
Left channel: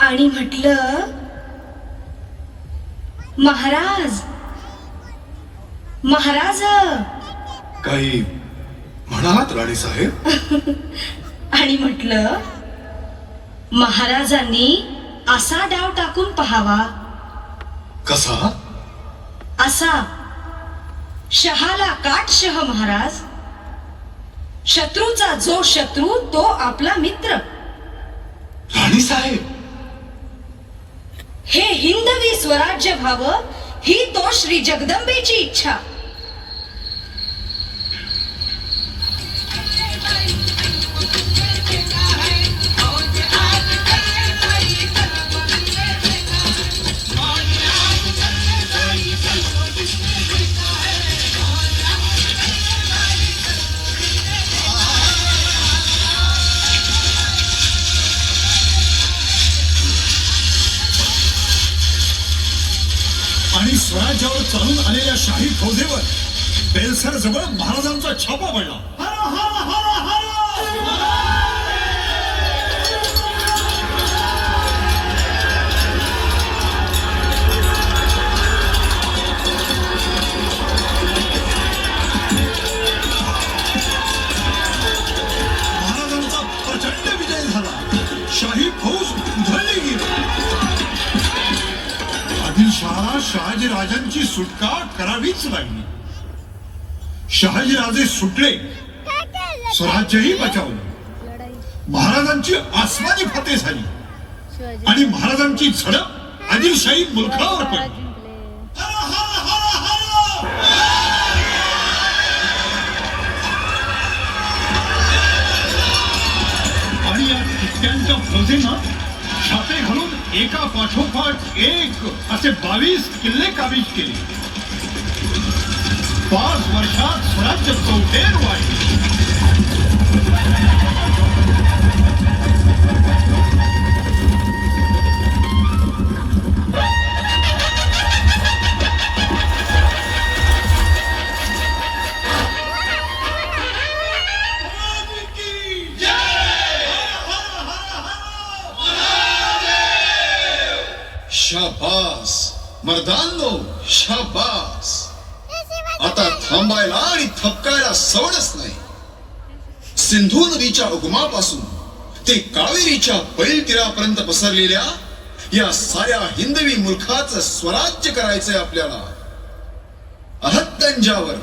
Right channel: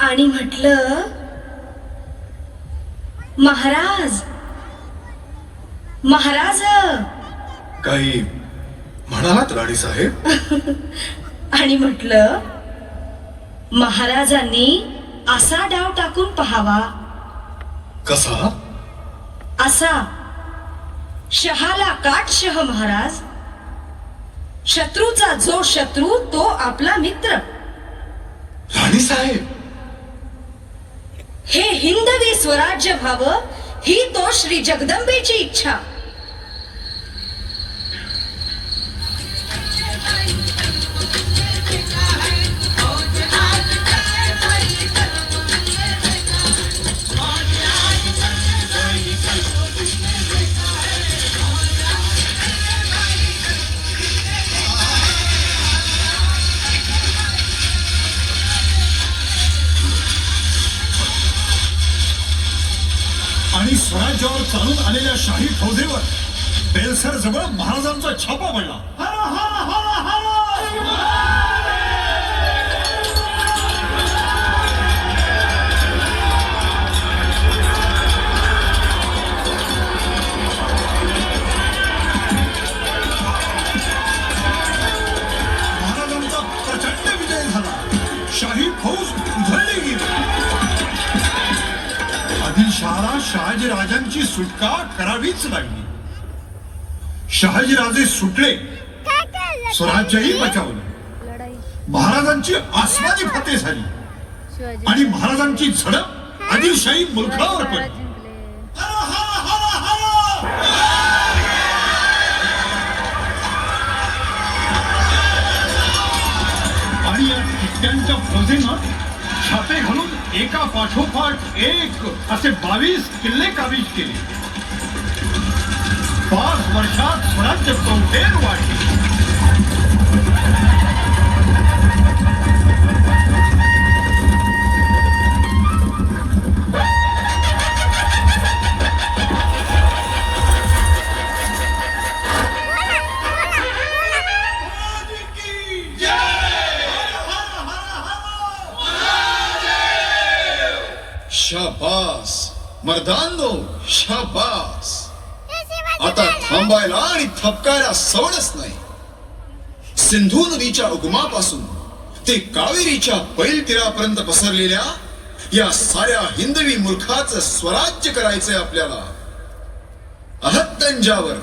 आणि म्हटलं, महाराज महाराज. काही म्हणालात राणी साहेब? आणि म्हटलं, महाराजांनी असा डाव टाकून पहावा. कसा? असा, शहाला काट शह महाराज. शत्रूचा जो शत्रू तो आपला मित्र. राणी साहेब, हे हिंदवी स्वराज्य व्हावं ही तो श्री जगदंबेची इच्छा. आणि स्वराज्यावर चालून आलेल्या शाही फौजेवर बेलसर जवळ महाराजांचा छापा पडला. महाराजांचा प्रचंड विजय झाला. शाही फौज उधळली गेली. आदिलशहा शहाजीराजांची सुटका करावीच लागली. शहाजीराजे सुटले, स्वराज्यही बचावलं. महाराजांची आसमानी फतेह झाली आणि महाराजांची झडप आदिलशाही मुलखावर पडली. आणि या ठिकट्यांच्या फौजेनं छापे घालून एका पाठोपाठ एक असे 22 किल्ले काबीज केले. 5 वर्षात स्वराज्य चौफेर वाढले. शाबास मर्दांनो, शाबास. आता थांबायला आणि थपकायला सवडच नाही. सिंधू नदीच्या उगमापासून ते कावेरीच्या पैल तीरापर्यंत पसरलेल्या या साऱ्या हिंदवी मुलखाचं स्वराज्य करायचंय आपल्याला. अहत्तंजावर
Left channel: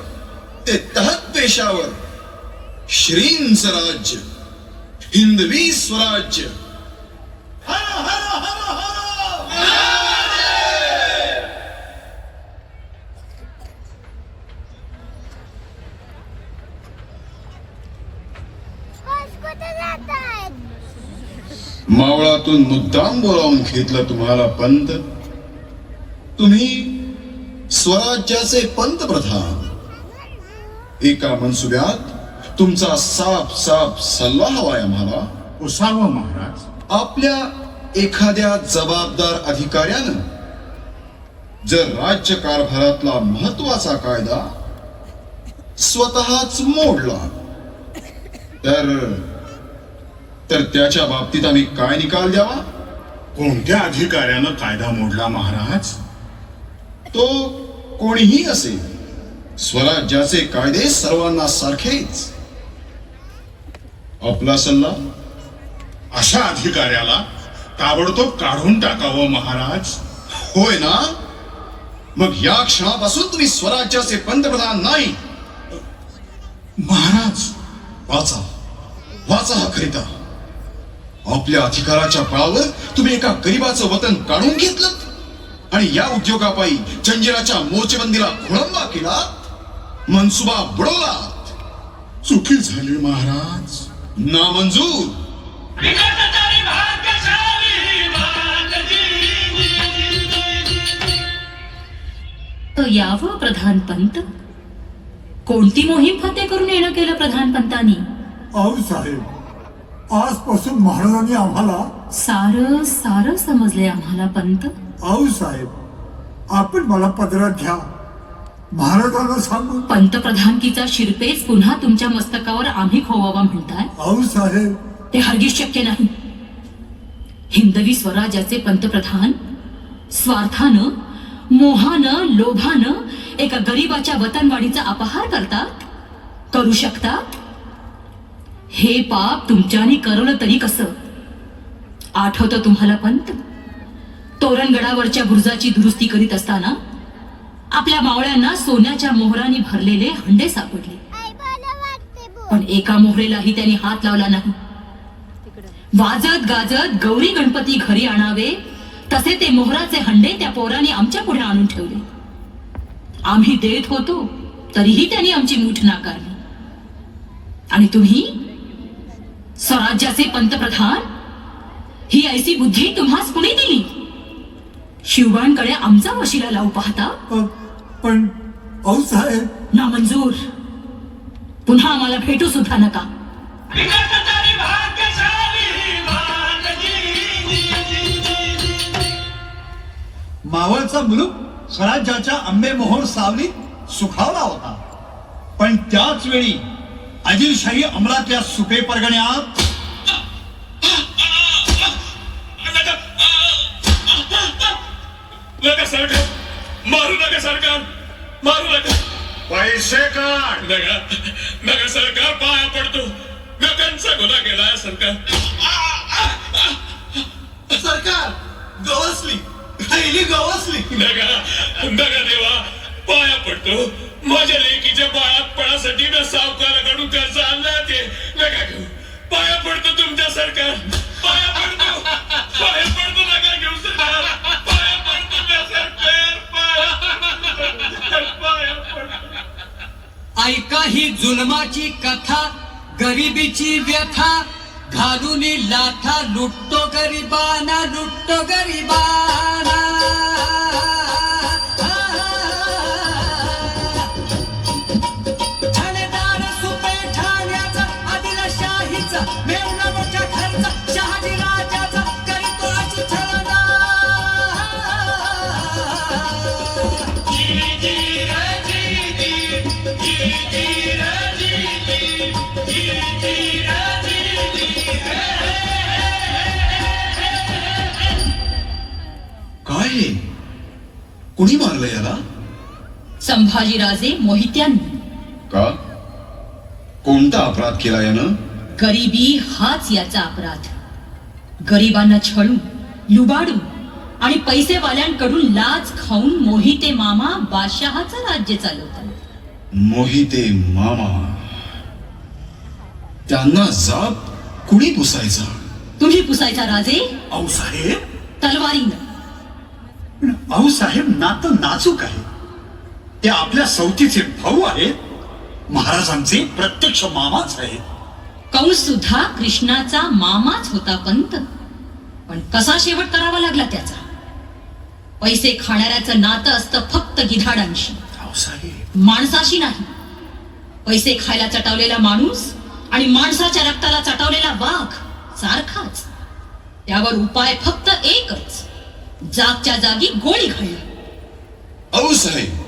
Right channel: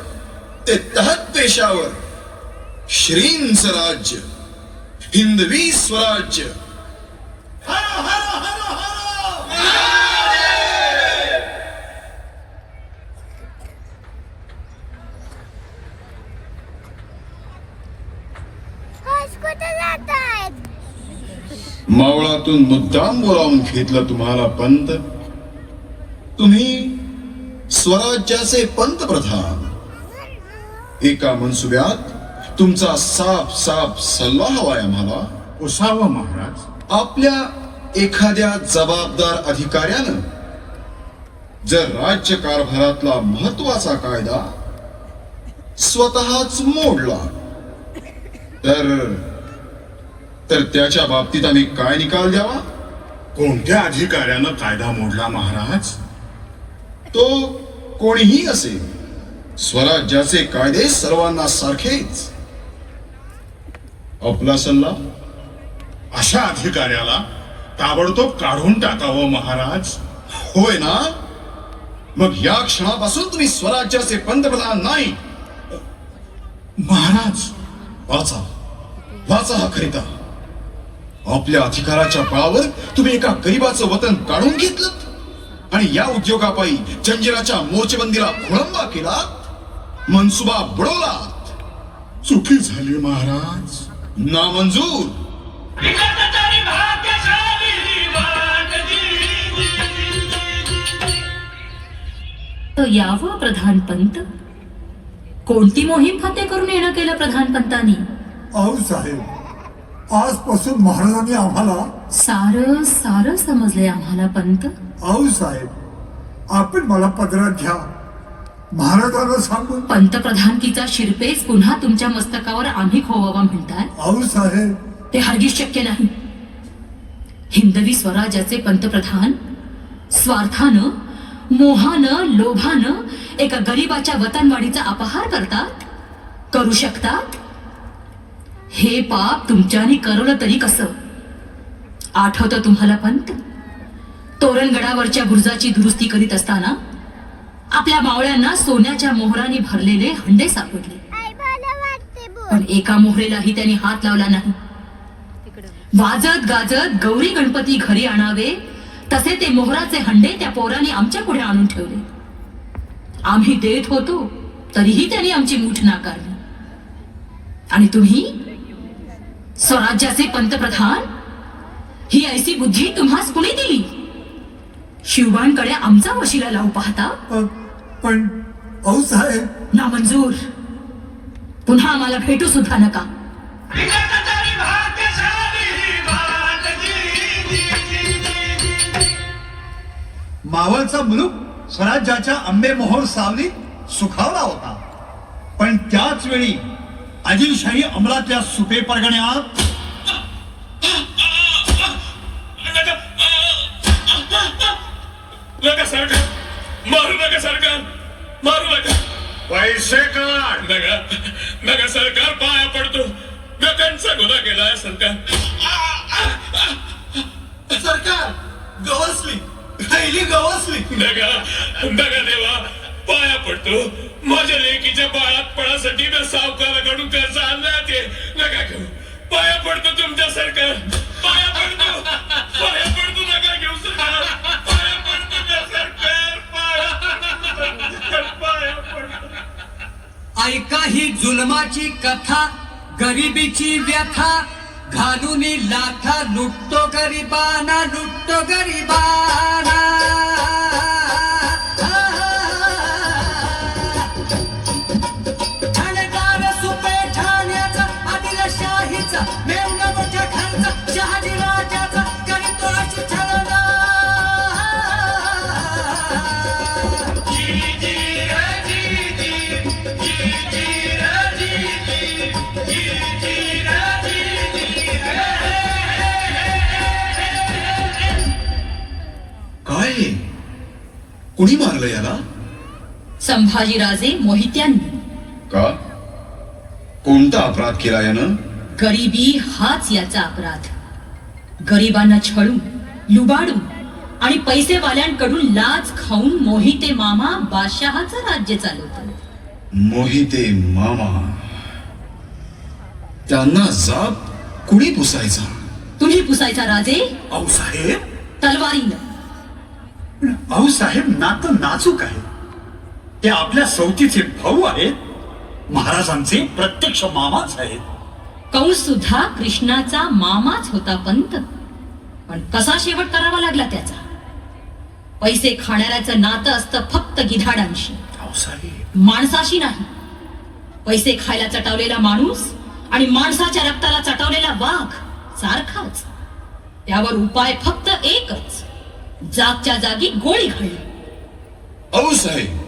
ते तहत पेशावर श्रींचं राज्य, हिंदवी स्वराज्य. मावळातून मुद्दाम बोलावून घेतलं तुम्हाला पंत. तुम्ही स्वराज्याचे पंतप्रधान. एका मनसुब्यात तुमचा साफ साफ सल्ला हवाय आम्हाला. उसावं महाराज. आपल्या एखाद्या जबाबदार अधिकाऱ्यानं जर राज्य कारभारातला महत्वाचा कायदा स्वतःच मोडला तर त्याच्या बाबतीत आम्ही काय निकाल द्यावा? कोणत्या अधिकाऱ्यानं कायदा मोडला महाराज? तो कोणीही असेल, स्वराज्याचे कायदे सर्वांना सारखेच. आपला सल्ला? अशा अधिकाऱ्याला ताबडतोब काढून टाकावं महाराज. होय ना? मग या क्षणापासून तुम्ही स्वराज्याचे पंतप्रधान नाही. महाराज, वाचा वाचा हा खरिता. आपल्या अधिकाराच्या बळावर तुम्ही एका गरीबाचं वतन काढून घेतलं आणि या उद्योगापायी जंजिराच्या मोर्चेबंदीला खोळंबा केला, मनसुबा बुडवला. चुकी झाली महाराज. नामंजूर. तो यावं प्रधानपंत. कोणती मोहीम फते करून येणं केलं प्रधानपंतांनी? अहो साहेब, आजपासून महाराजांनी आम्हाला सारं सारं समजलंय आम्हाला पंत. अहो साहेब, आपण मला पदरात घ्या. महाराजांना सांगू. पंतप्रधानकीचा शिरपेच पुन्हा तुमच्या मस्तकावर आम्ही खोवावा म्हणताय? अहो साहेब, ते हरगिज शक्य नाही. हिंदवी स्वराज्याचे पंतप्रधान स्वार्थानं, मोहानं, लोभानं एका गरीबाच्या वतनवाडीचा अपहार करतात, करू शकतात. हे पाप तुमच्यानी करवलं तरी कसं? आठवतं तुम्हाला पंत? तोरणगडावरच्या बुरुजाची दुरुस्ती करीत असताना आपल्या मावळ्यांना सोन्याच्या मोहराने भरलेले हंडे सापडले, पण एका मोहरेलाही त्यांनी हात लावला नाही. वाजत गाजत गौरी गणपती घरी आणावे तसे ते मोहराचे हंडे त्या पोराने आमच्या पुढे आणून ठेवले. आम्ही देत होतो तरीही त्यांनी आमची मूठ नाकारली. आणि तुम्ही स्वराज्याचे पंतप्रधान, ही ऐसी बुद्धी तुम्हास कुणी दिली? शिवबांकडे आमचा वशिला लावू पाहता? पण अहो साहेब, नामंजूर. पुन्हा आम्हाला भेटू सुद्धा नका. मावळचा मुलूक स्वराज्याच्या आंबेमोहोर सावलीत सुखावला होता. पण त्याच वेळी आदिलशाही अंमलातल्या सुपे परगण्यात नका सरकार, मारू नका सरकार, मारू नका. पैसे काढ. नका नका सरकार, पाया पडतो. गगनचा गुन्हा केलाय सरकार. सरकार गवसली, पहिली गवसली. नका नका देवा, पाया पडतो. माझ्या लेकीच्या बाळातपणासाठी मी सावकाराकडून कर्ज आणला ते. नका घेऊ, पाया पडतो तुमच्या सरकार, पाया पडतो, पाया पडतो. नका घेऊ सरकार, पाया पडतो मी सरकार, पाया पडतो. ऐका ही जुलमाची कथा, गरिबीची व्यथा, घालून लाथा लुटतो गरिबाना, लुटतो गरिबाना. ठाणेदार सुपे ठाण्याचा, आदिलशाहीचा, मेवणीचा खर्च, शहाजी राजाचा करतोच छलना. काय कुणी मारलं याला? संभाजीराजे मोहित्यांनी. का? कोणता अपराध केला यानं? गरिबी हाच याचा अपराध. गरिबांना छळून, लुबाडून आणि पैसेवाल्यांकडून लाच खाऊन मोहिते मामा बादशहाचं राज्य चालवतात. मोहिते मामा, त्यांना जाब कुणी पुसायचा? तुम्ही पुसायचा राजे, अहो साहेब, तलवारीनं. अहो साहेब, नातं नाजूक आहे. ते आपल्या सवतीचे भाऊ आहेत, महाराजांचे प्रत्यक्ष मामाच आहेत. कंस सुद्धा कृष्णाचा मामाच होता पंत. पण कसा शेवट करावा लागला त्याचा? पैसे खाणाऱ्याचं नातं असतं फक्त गिधाडांशी, अहो साहेब, माणसाशी नाही. पैसे खायला चटावलेला माणूस आणि माणसाच्या रक्ताला चटावलेला वाघ सारखाच. त्यावर उपाय फक्त एकच, जागच्या जागी गोळी घालणे. अहो साहेब,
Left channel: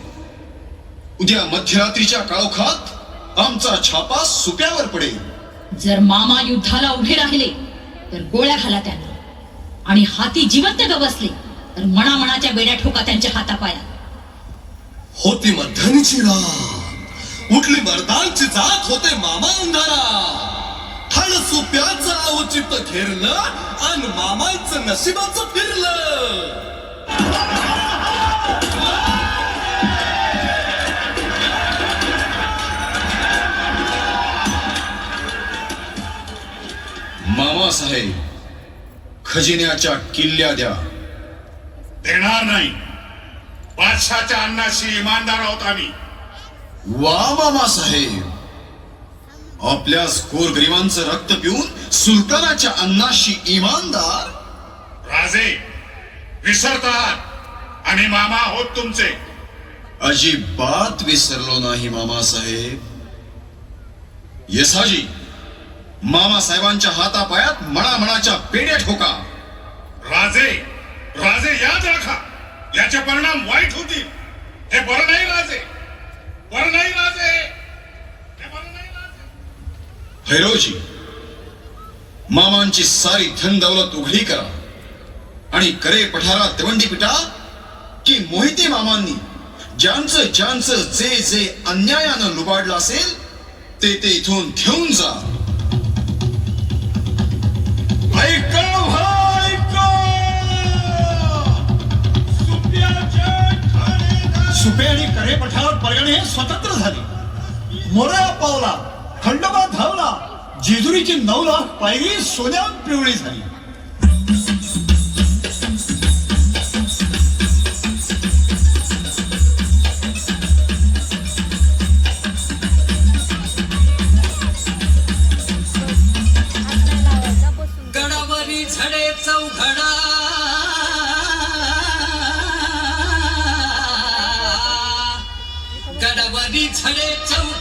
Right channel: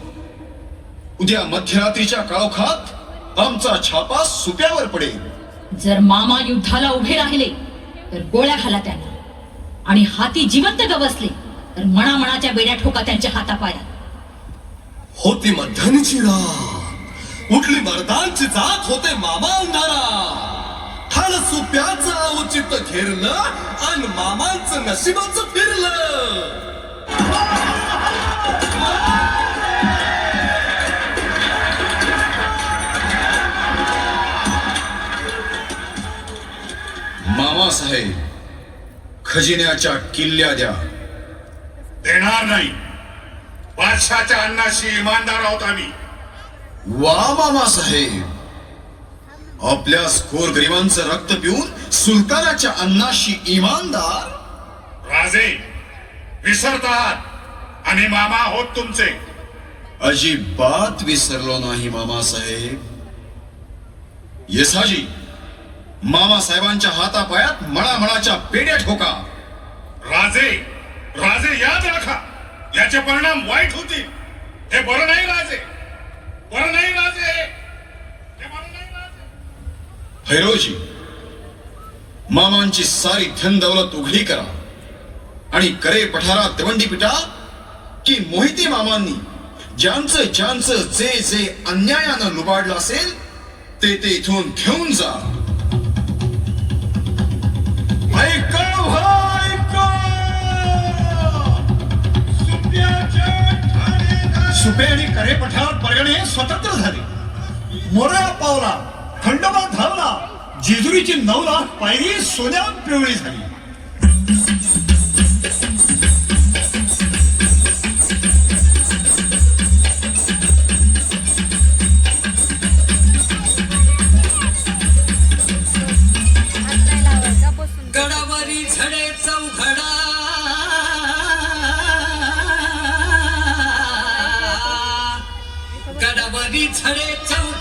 उद्या मध्यरात्रीच्या काळोखात आमचा छापा सुप्यावर पडेल. जर मामा युद्धाला उभे राहिले तर गोळ्या घाला त्याने, आणि हाती जिवंत गवसले तर मणामणाच्या बेड्या ठोका त्यांच्या हातापायात. होती मध्यानीची रात, उठली मर्दांची जात, होते मामा अंधारा. खाण सुप्याचं औचित्य घेरलं आणि मामांचं नशिबाचं फिरलं. मामासाहेब, खजिन्याच्या किल्ल्या द्या. देणार नाही. बादशाच्या अन्नाशी इमानदार आहोत आम्ही. वा मामासाहेब, आपल्या गोरगरिबांचं रक्त पिऊन सुलतानाच्या अन्नाशी इमानदार. राजे विसरतात आणि मामा आहोत तुमचे. अजिबात विसरलो नाही मामासाहेब. येसाजी, मामासाहेबांच्या हातापायात मळामळाच्या पेड्या ठोका. राजे राजे याद राखा, याचे परिणाम वाईट होतील. हे बरं नाही राजे, बरं नाही राजे, हे बरं नाही राजे. भैरवजी, मामांची सारी धन दौलत उघडी करा आणि करे पठारात दवंडी पिटा, की मोहिते मामांनी ज्यांचं ज्यांचं जे जे अन्यायानं लुबाडलं असेल ते ते इथून घेऊन जा. ऐका सुपे आणि करे पठार परगणे स्वतंत्र झाले. मोरया पावला, खंडोबा धावला, जेजुरीची 9 लाख पायरी सोन्यात पिवळी झाली. गडवरी झडे चौदा